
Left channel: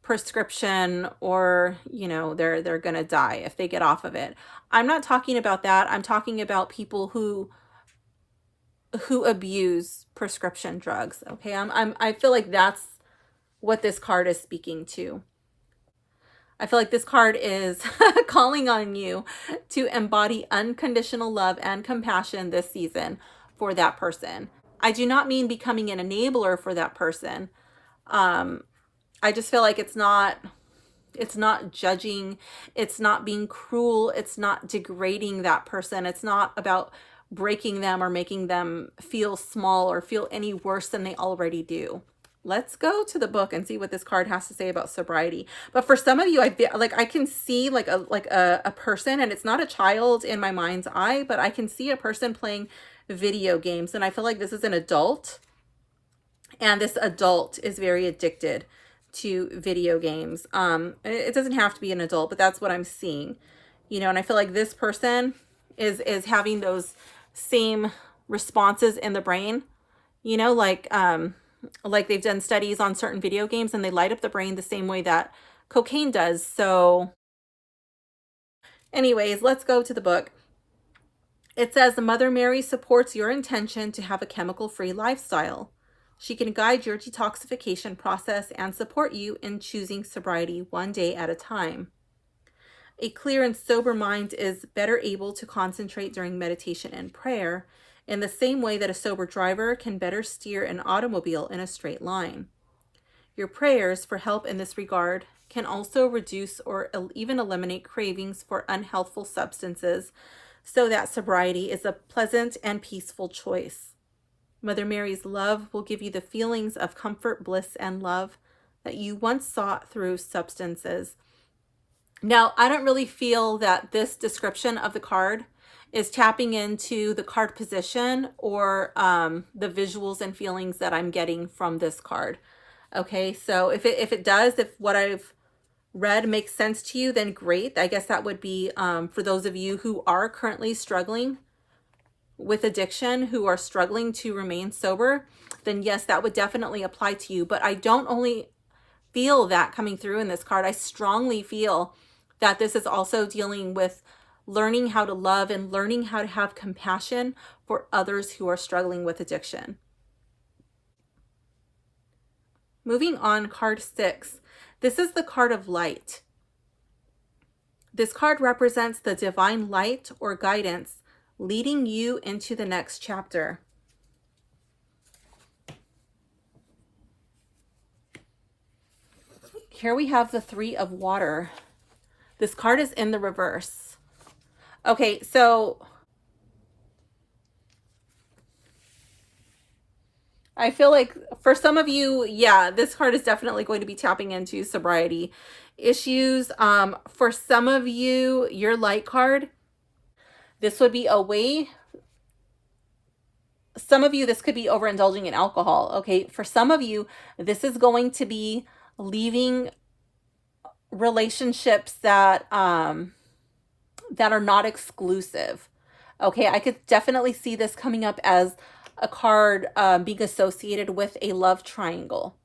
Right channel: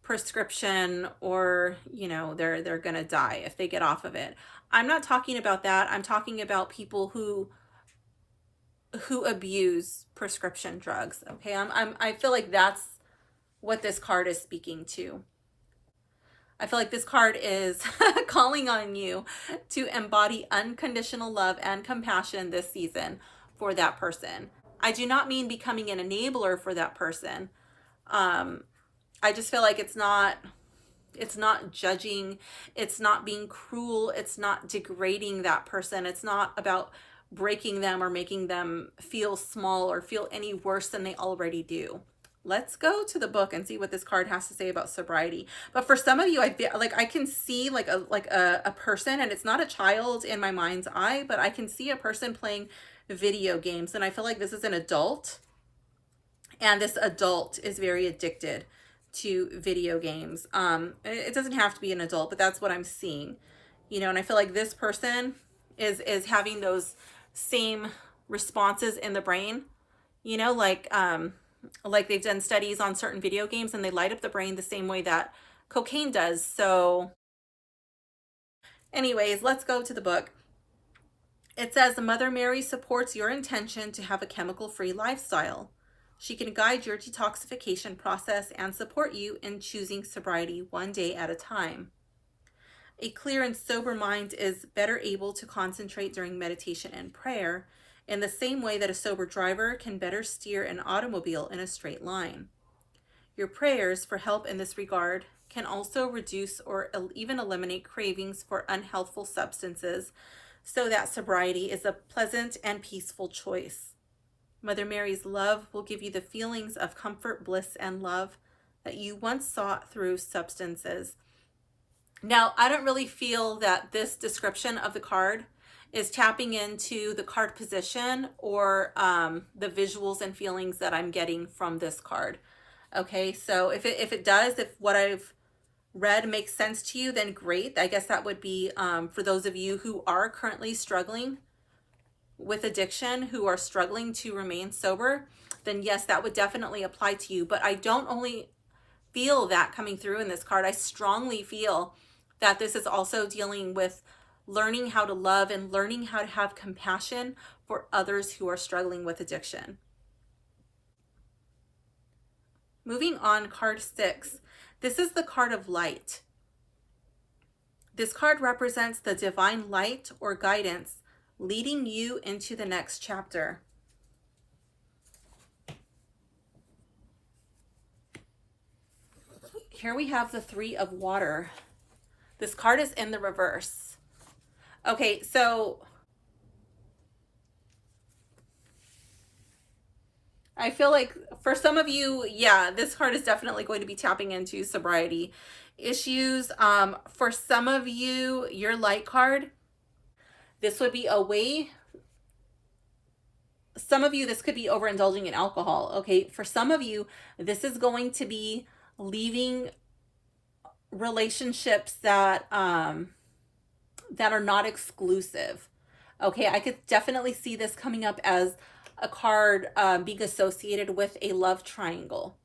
prescription, or, you know, they're gonna die if they get off of it. I'm not talking about that. I'm talking about people who abuse prescription drugs. Okay, I feel like that's what this card is speaking to. I feel like this card is calling on you to embody unconditional love and compassion this season for that person. I do not mean becoming an enabler for that person. I just feel like it's not judging, it's not being cruel, it's not degrading that person. It's not about breaking them or making them feel small or feel any worse than they already do. Let's go to the book and see what this card has to say about sobriety. But for some of you, I feel like I can see like a person, and it's not a child in my mind's eye, but I can see a person playing video games, and I feel like this is an adult, and this adult is very addicted to video games. It doesn't have to be an adult, but that's what I'm seeing, you know. And I feel like this person is having those same responses in the brain, you know, like they've done studies on certain video games, and they light up the brain the same way that cocaine does. So anyways, let's go to the book. It says, Mother Mary supports your intention to have a chemical-free lifestyle. She can guide your detoxification process and support you in choosing sobriety one day at a time. A clear and sober mind is better able to concentrate during meditation and prayer, in the same way that a sober driver can better steer an automobile in a straight line. Your prayers for help in this regard can also reduce or even eliminate cravings for unhealthful substances, so that sobriety is a pleasant and peaceful choice. Mother Mary's love will give you the feelings of comfort, bliss, and love that you once sought through substances. Now, I don't really feel that this description of the card is tapping into the card position or the visuals and feelings that I'm getting from this card. Okay, so if it does, if what I've read makes sense to you, then great. I guess that would be for those of you who are currently struggling with addiction, who are struggling to remain sober, then yes, that would definitely apply to you. But I don't only feel that coming through in this card. I strongly feel that this is also dealing with learning how to love and learning how to have compassion for others who are struggling with addiction. Moving on, card 6. This is the card of light. This card represents the divine light or guidance leading you into the next chapter. Here we have the 3 of water. This card is in the reverse. Okay, so I feel like for some of you, yeah, this card is definitely going to be tapping into sobriety issues. For some of you, your light card, this would be a way. Some of you, this could be overindulging in alcohol. Okay, for some of you, this is going to be leaving relationships that that are not exclusive. Okay, I could definitely see this coming up as a card being associated with a love triangle.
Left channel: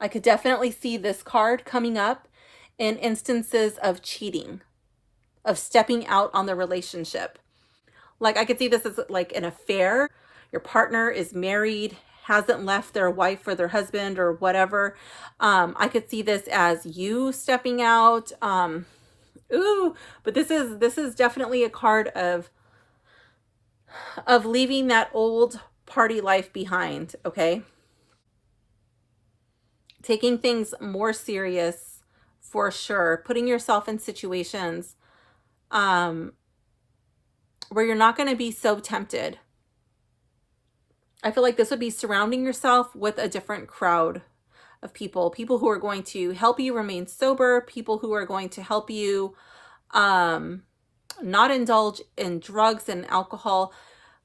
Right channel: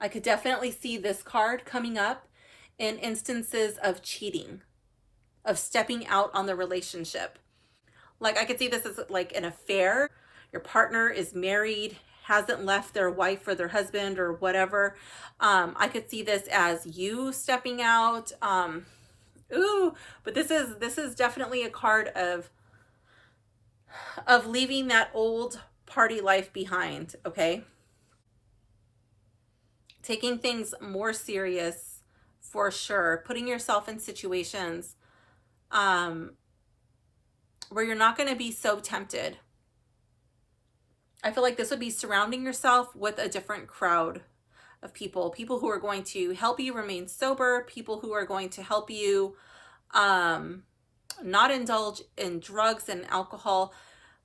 I could definitely see this card coming up in instances of cheating, of stepping out on the relationship. Like I could see this as like an affair. Your partner is married, hasn't left their wife or their husband or whatever. I could see this as you stepping out. But this is definitely a card of leaving that old party life behind, okay? Taking things more serious for sure. Putting yourself in situations where you're not going to be so tempted. I feel like this would be surrounding yourself with a different crowd of people who are going to help you remain sober, people who are going to help you not indulge in drugs and alcohol.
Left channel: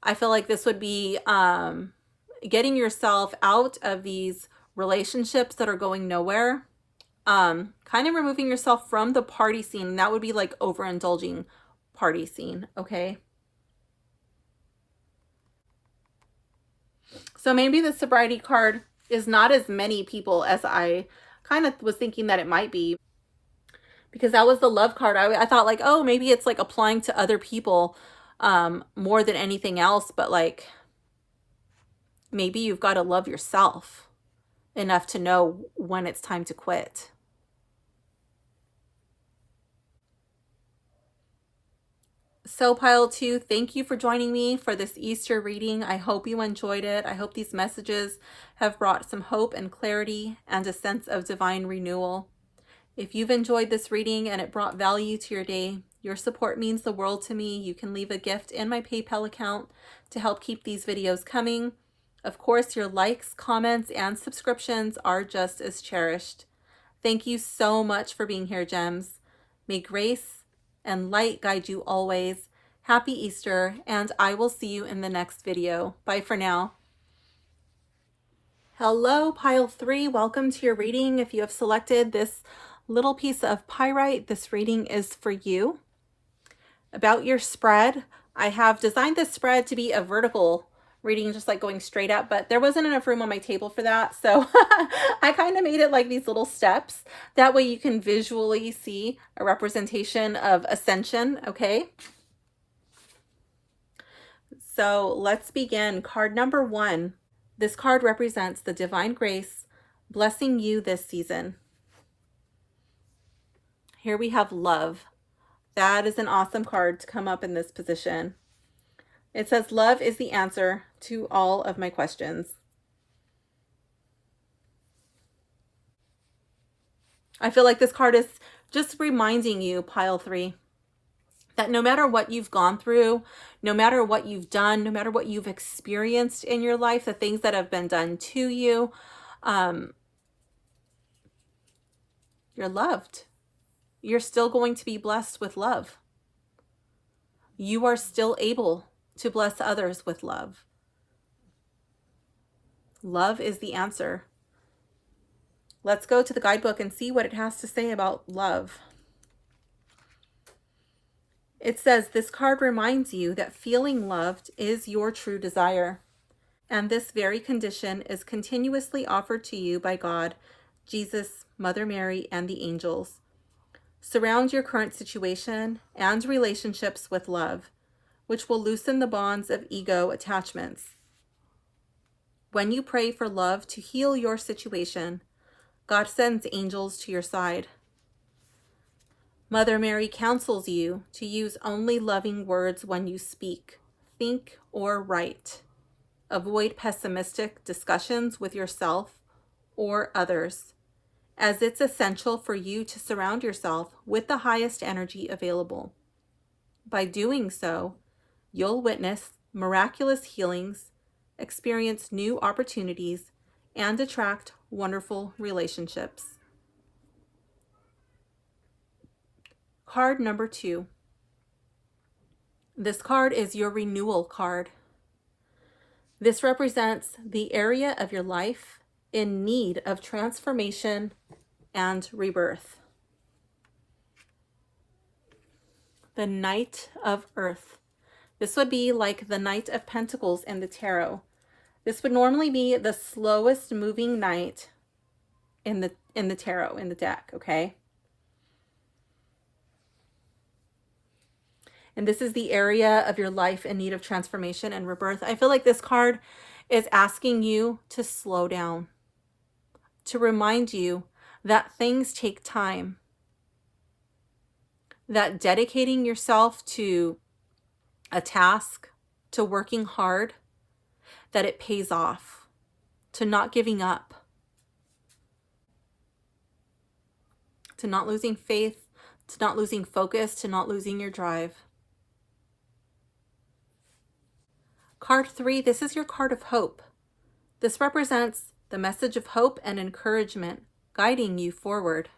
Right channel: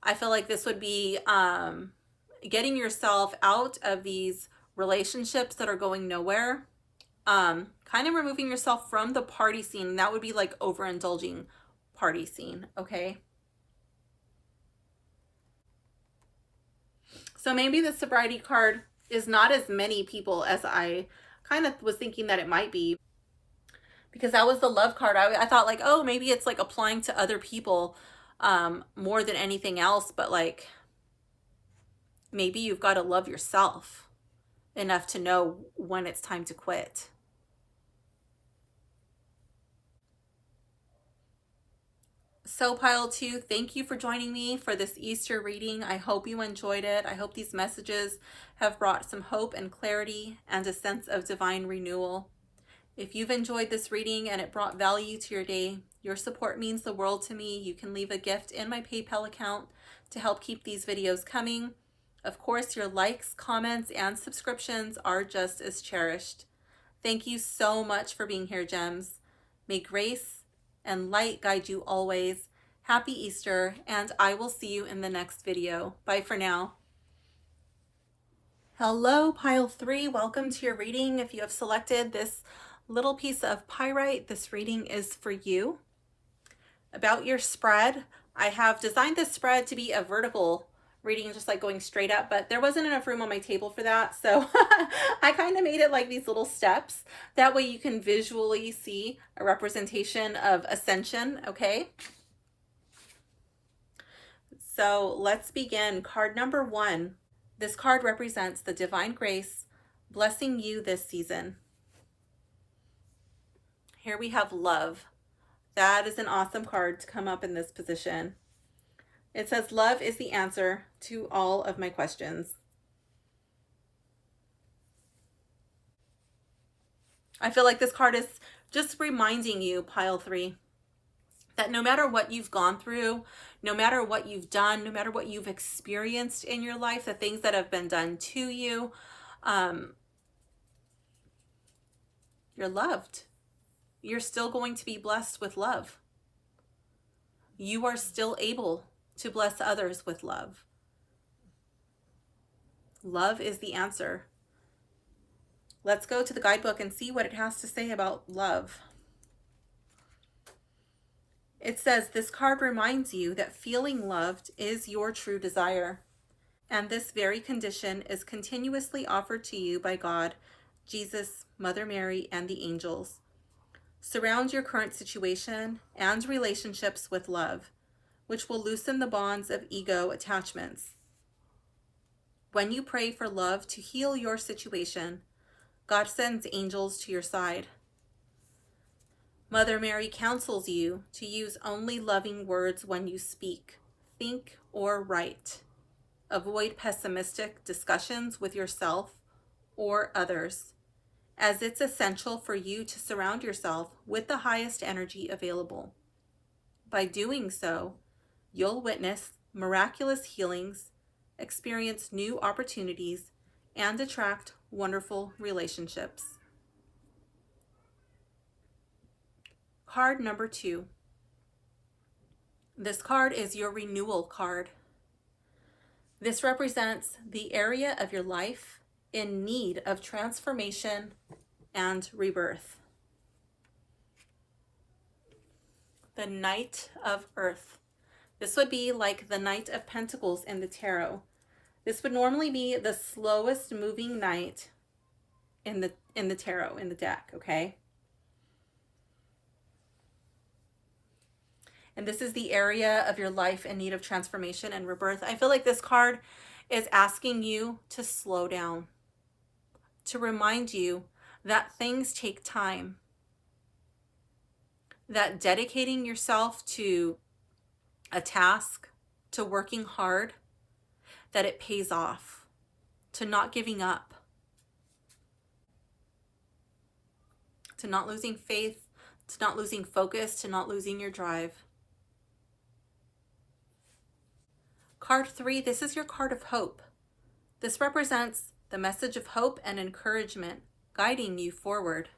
I feel like this would be getting yourself out of these relationships that are going nowhere, kind of removing yourself from the party scene. That would be like overindulging party scene, okay? So maybe the sobriety card is not as many people as I kind of was thinking that it might be, because that was the love card. I thought like, oh, maybe it's like applying to other people more than anything else, but like maybe you've got to love yourself enough to know when it's time to quit. So pile 2, thank you for joining me for this Easter reading. I hope you enjoyed it. I hope these messages have brought some hope and clarity and a sense of divine renewal. If you've enjoyed this reading and it brought value to your day, your support means the world to me. You can leave a gift in my PayPal account to help keep these videos coming. Of course, your likes, comments, and subscriptions are just as cherished. Thank you so much for being here, gems. May grace and light guide you always. Happy Easter, and I will see you in the next video. Bye for now. Hello, pile 3. Welcome to your reading. If you have selected this little piece of pyrite, this reading is for you. About your spread, I have designed this spread to be a vertical reading, just like going straight up, but there wasn't enough room on my table for that, so I kind of made it like these little steps. That way you can visually see a representation of ascension, okay? So let's begin. Card number 1. This card represents the divine grace blessing you this season. Here we have love. That is an awesome card to come up in this position. It says, love is the answer to all of my questions. I feel like this card is just reminding you, pile 3, that no matter what you've gone through, no matter what you've done, no matter what you've experienced in your life, the things that have been done to you, you're loved. You're still going to be blessed with love. You are still able to bless others with love. Love is the answer. Let's go to the guidebook and see what it has to say about love. It says, this card reminds you that feeling loved is your true desire, and this very condition is continuously offered to you by God, Jesus, Mother Mary, and the angels. Surround your current situation and relationships with love. which will loosen the bonds of ego attachments. When you pray for love to heal your situation, God sends angels to your side. Mother Mary counsels you to use only loving words when you speak, think, or write. Avoid pessimistic discussions with yourself or others, as it's essential for you to surround yourself with the highest energy available. By doing so, you'll witness miraculous healings, experience new opportunities, and attract wonderful relationships. Card number 2. This card is your renewal card. This represents the area of your life in need of transformation and rebirth. The Knight of Earth. This would be like the Knight of Pentacles in the tarot. This would normally be the slowest moving knight in the tarot, in the deck, okay? And this is the area of your life in need of transformation and rebirth. I feel like this card is asking you to slow down, to remind you that things take time, that dedicating yourself to a task, to working hard, that it pays off, to not giving up, to not losing faith, to not losing focus, to not losing your drive. Card 3, this is your card of hope. This represents the message of hope and encouragement guiding you forward.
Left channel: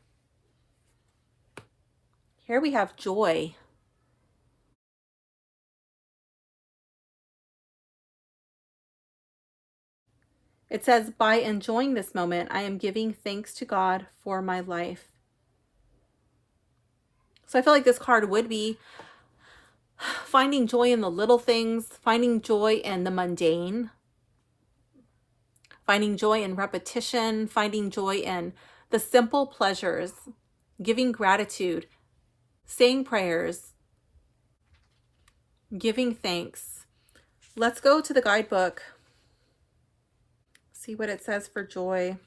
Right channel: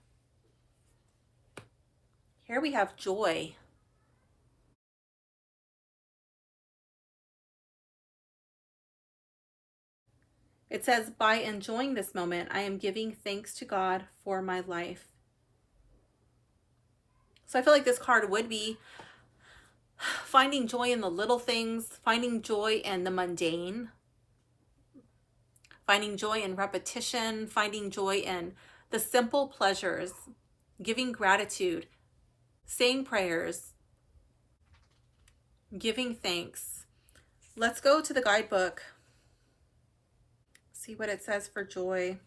Here we have joy. It says, by enjoying this moment, I am giving thanks to God for my life. So I feel like this card would be finding joy in the little things, finding joy in the mundane, finding joy in repetition, finding joy in the simple pleasures, giving gratitude, saying prayers, giving thanks. Let's go to the guidebook. See what it says for joy.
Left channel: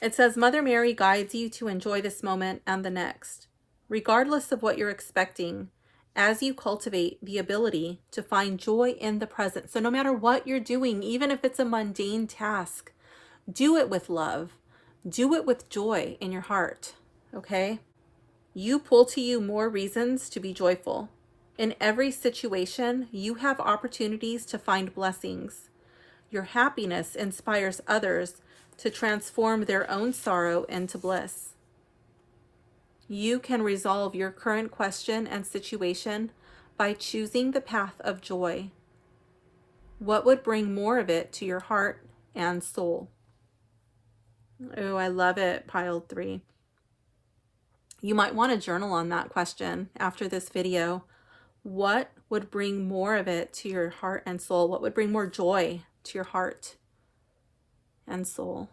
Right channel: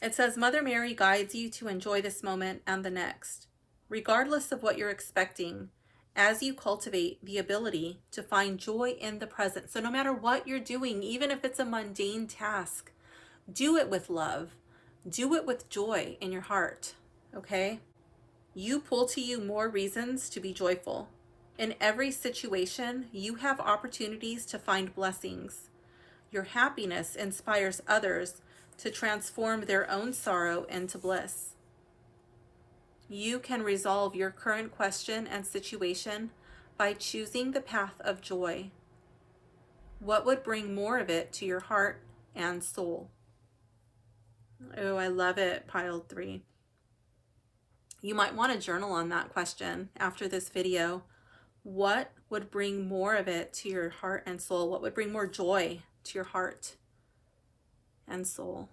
It says, Mother Mary guides you to enjoy this moment and the next, regardless of what you're expecting, as you cultivate the ability to find joy in the present. So no matter what you're doing, even if it's a mundane task, do it with love. Do it with joy in your heart, okay? You pull to you more reasons to be joyful. In every situation, you have opportunities to find blessings. Your happiness inspires others to transform their own sorrow into bliss. You can resolve your current question and situation by choosing the path of joy. What would bring more of it to your heart and soul? Oh, I love it, pile 3. You might want to journal on that question after this video. What would bring more of it to your heart and soul? What would bring more joy to your heart and soul?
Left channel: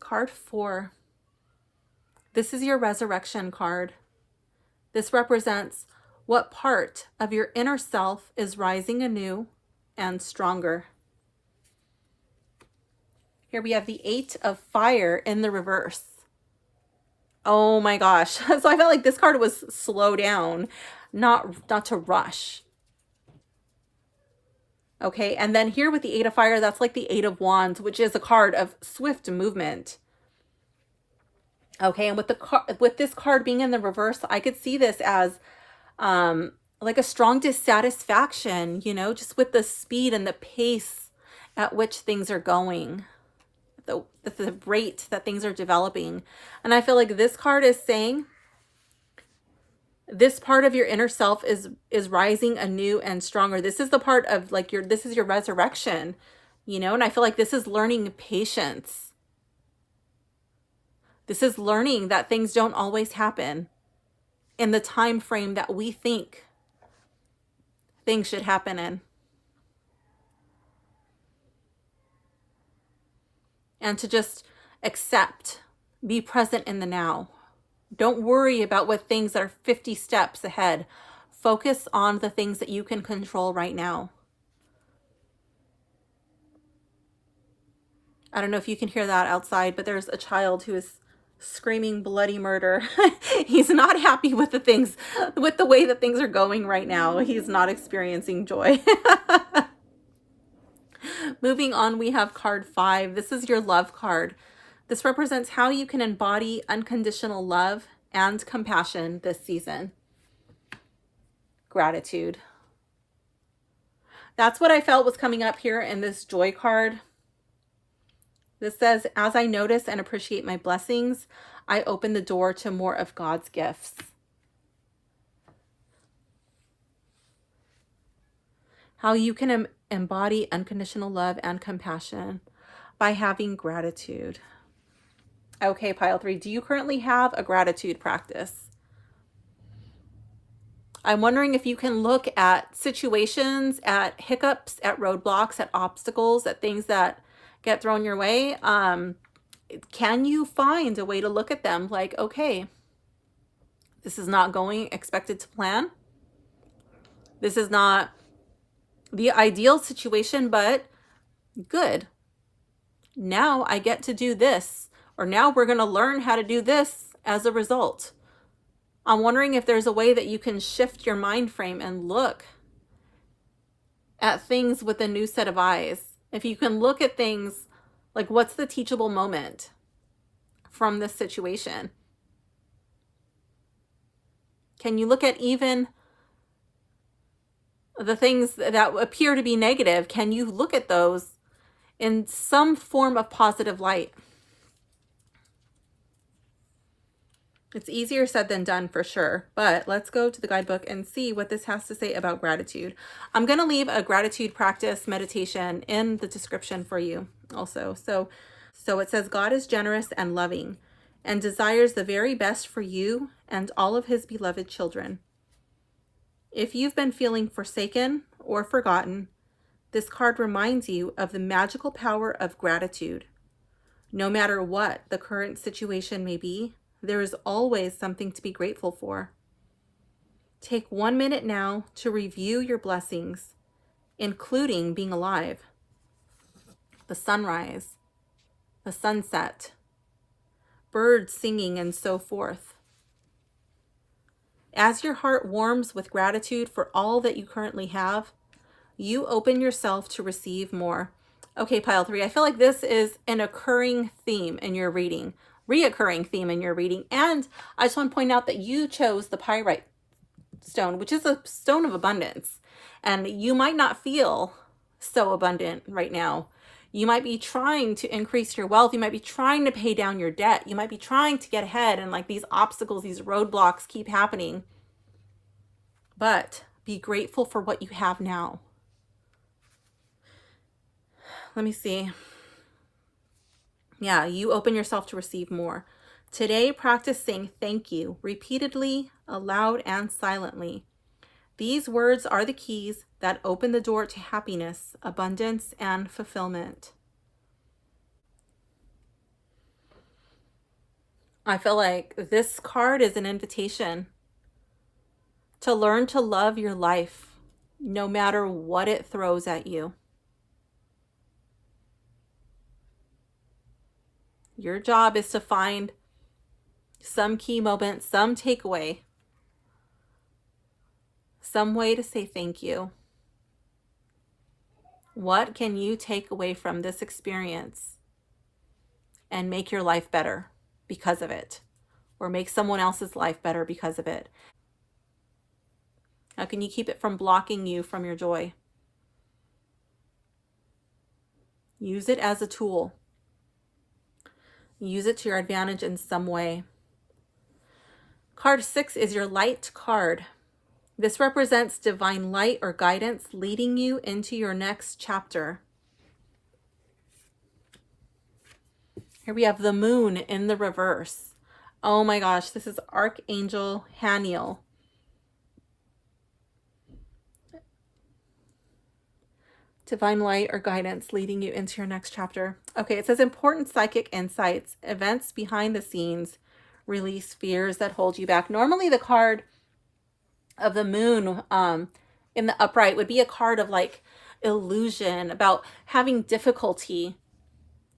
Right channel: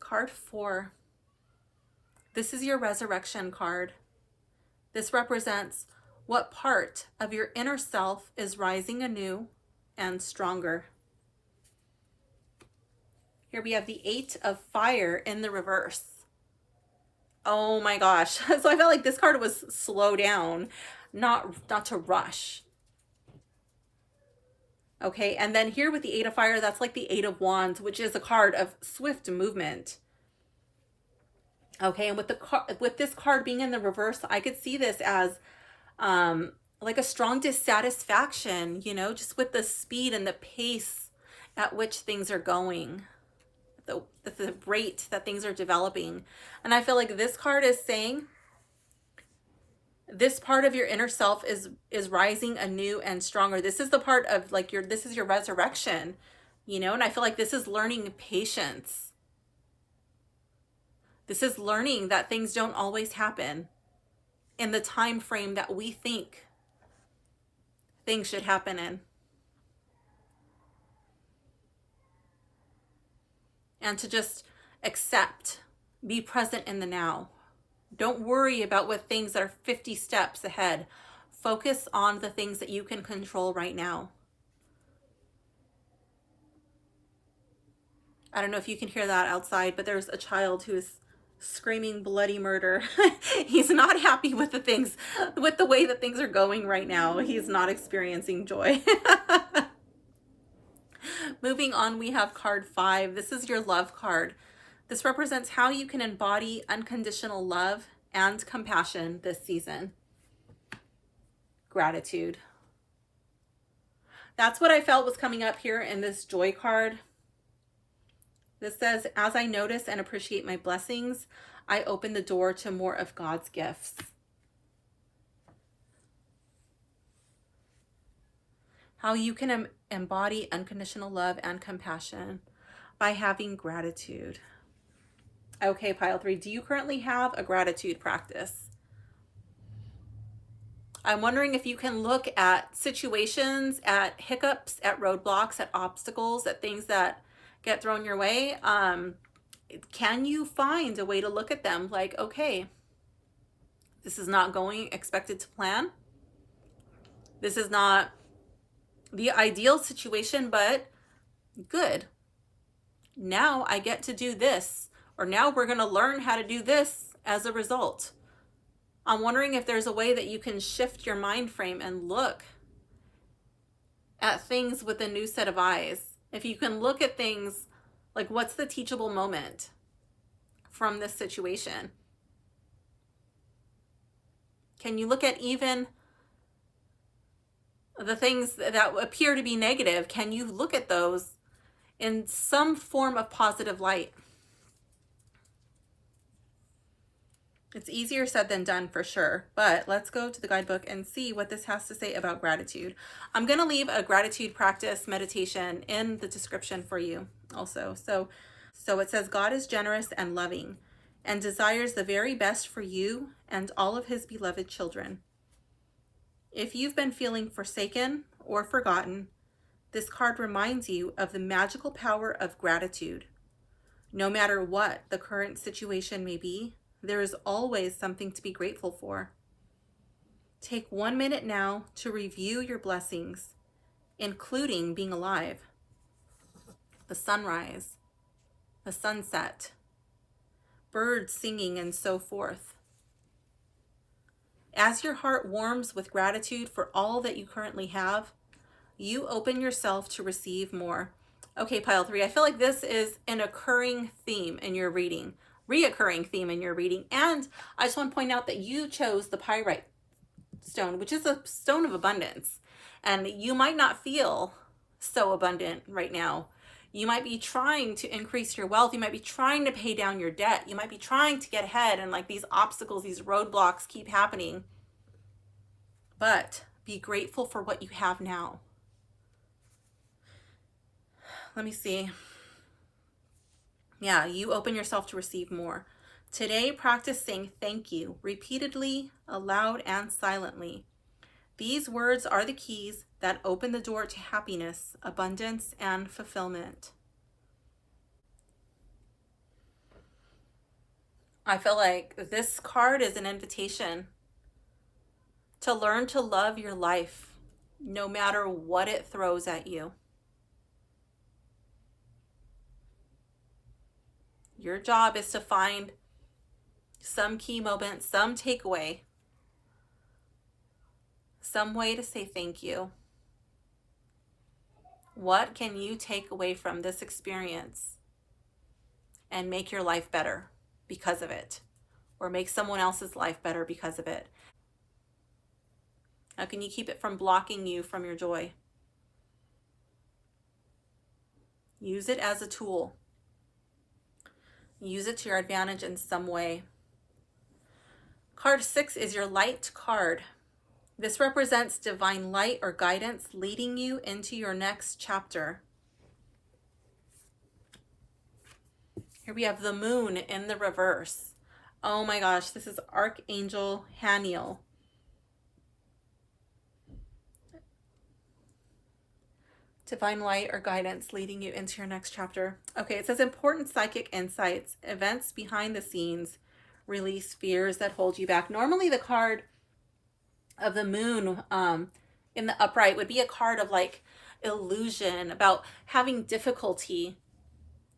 Card 4. This is your resurrection card. This represents what part of your inner self is rising anew and stronger. Here we have the 8 of Fire in the reverse. Oh my gosh. So I felt like this card was slow down, not to rush. Okay, and then here with the 8 of Fire, that's like the 8 of Wands, which is a card of swift movement. Okay, and with this card being in the reverse, I could see this as like a strong dissatisfaction, you know, just with the speed and the pace at which things are going, the rate that things are developing. And I feel like this card is saying this part of your inner self is rising anew and stronger. This is the part of like this is your resurrection, you know, and I feel like this is learning patience. This is learning that things don't always happen in the time frame that we think things should happen in. And to just accept Be present in the now. Don't worry about what things are 50 steps ahead. Focus on the things that you can control right now. I don't know if you can hear that outside, but there's a child who is screaming bloody murder. He's not happy with with the way that things are going right now. He's not experiencing joy. Moving on, we have card 5. This is your love card. This represents how you can embody unconditional love and compassion this season. Gratitude. That's what I felt was coming up here in this joy card. This says, as I notice and appreciate my blessings, I open the door to more of God's gifts. How you can embody unconditional love and compassion by having gratitude. Okay, pile 3, do you currently have a gratitude practice? I'm wondering if you can look at situations, at hiccups, at roadblocks, at obstacles, at things that get thrown your way. Can you find a way to look at them like, okay, this is not going expected to plan. This is not the ideal situation, but good. Now I get to do this, or now we're going to learn how to do this as a result. I'm wondering if there's a way that you can shift your mind frame and look at things with a new set of eyes. If you can look at things like, what's the teachable moment from this situation? Can you look at even the things that appear to be negative? Can you look at those in some form of positive light? It's easier said than done for sure, but let's go to the guidebook and see what this has to say about gratitude. I'm going to leave a gratitude practice meditation in the description for you also. So it says, God is generous and loving and desires the very best for you and all of his beloved children. If you've been feeling forsaken or forgotten, this card reminds you of the magical power of gratitude. No matter what the current situation may be, there is always something to be grateful for. Take 1 minute now to review your blessings, including being alive, the sunrise, the sunset, birds singing, and so forth. As your heart warms with gratitude for all that you currently have, you open yourself to receive more. Okay, pile 3, I feel like this is an occurring theme in your reading. Reoccurring theme in your reading. And I just want to point out that you chose the pyrite stone, which is a stone of abundance. And you might not feel so abundant right now. You might be trying to increase your wealth. You might be trying to pay down your debt. You might be trying to get ahead, and like these obstacles, these roadblocks keep happening. But be grateful for what you have now. Let me see. Yeah, you open yourself to receive more. Today, practice saying thank you repeatedly, aloud, and silently. These words are the keys that open the door to happiness, abundance, and fulfillment. I feel like this card is an invitation to learn to love your life, no matter what it throws at you. Your job is to find some key moment, some takeaway, some way to say thank you. What can you take away from this experience and make your life better because of it, or make someone else's life better because of it? How can you keep it from blocking you from your joy? Use it as a tool. Use it to your advantage in some way. Card 6 is your light card. This represents divine light or guidance leading you into your next chapter. Here we have the moon in the reverse. Oh my gosh, this is Archangel Haniel. Divine light or guidance leading you into your next chapter. Okay, it says important psychic insights, events behind the scenes, release fears that hold you back. Normally the card of the moon in the upright would be a card of like illusion, about having difficulty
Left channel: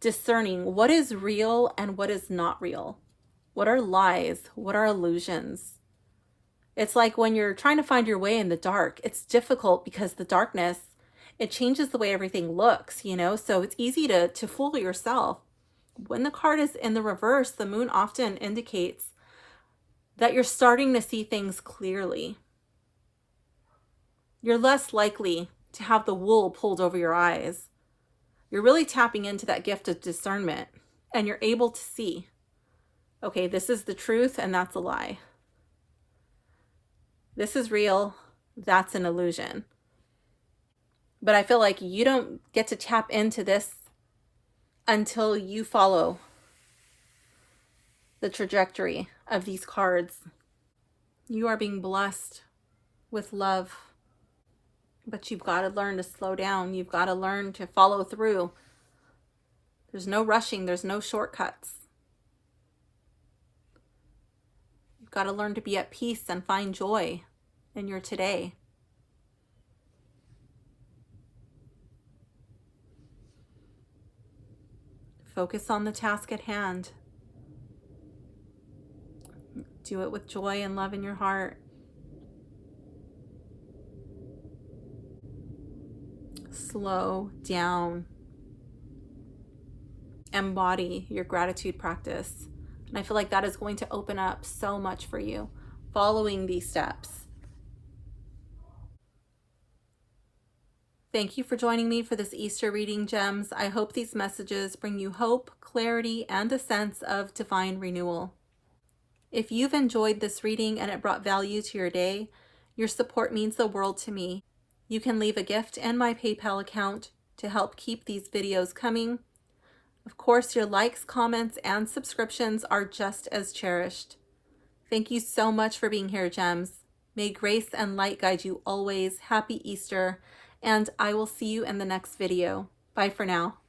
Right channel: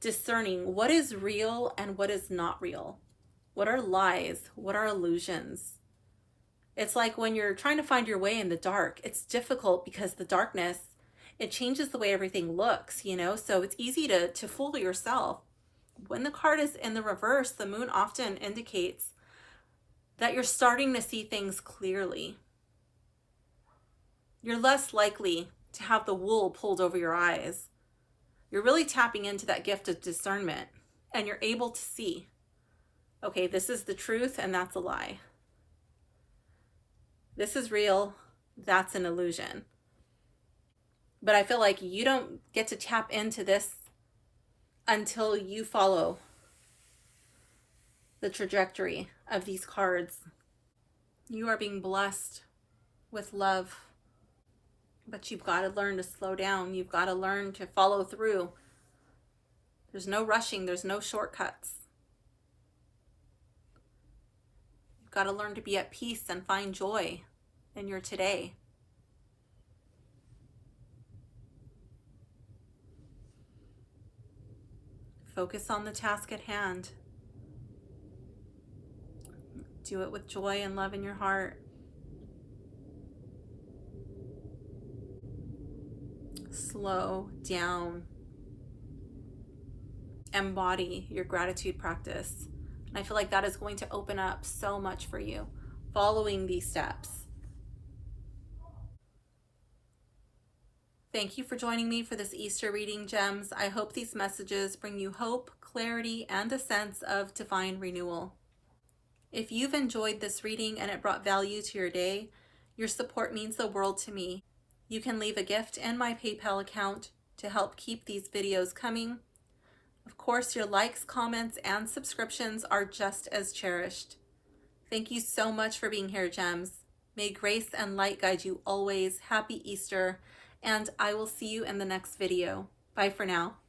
discerning what is real and what is not real. What are lies? What are illusions? It's like when you're trying to find your way in the dark, it's difficult because the darkness, it changes the way everything looks, you know? So it's easy to fool yourself. When the card is in the reverse, the moon often indicates that you're starting to see things clearly. You're less likely to have the wool pulled over your eyes. You're really tapping into that gift of discernment, and you're able to see, okay, this is the truth and that's a lie. This is real, that's an illusion. But I feel like you don't get to tap into this until you follow the trajectory of these cards. You are being blessed with love, but you've got to learn to slow down. You've got to learn to follow through. There's no rushing. There's no shortcuts. You've got to learn to be at peace and find joy in your today. Focus on the task at hand. Do it with joy and love in your heart. Slow down. Embody your gratitude practice. And I feel like that is going to open up so much for you, following these steps. Thank you for joining me for this Easter reading, gems. I hope these messages bring you hope, clarity, and a sense of divine renewal. If you've enjoyed this reading and it brought value to your day, your support means the world to me. You can leave a gift in my PayPal account to help keep these videos coming. Of course, your likes, comments, and subscriptions are just as cherished. Thank you so much for being here, gems. May grace and light guide you always. Happy Easter, and I will see you in the next video. Bye for now.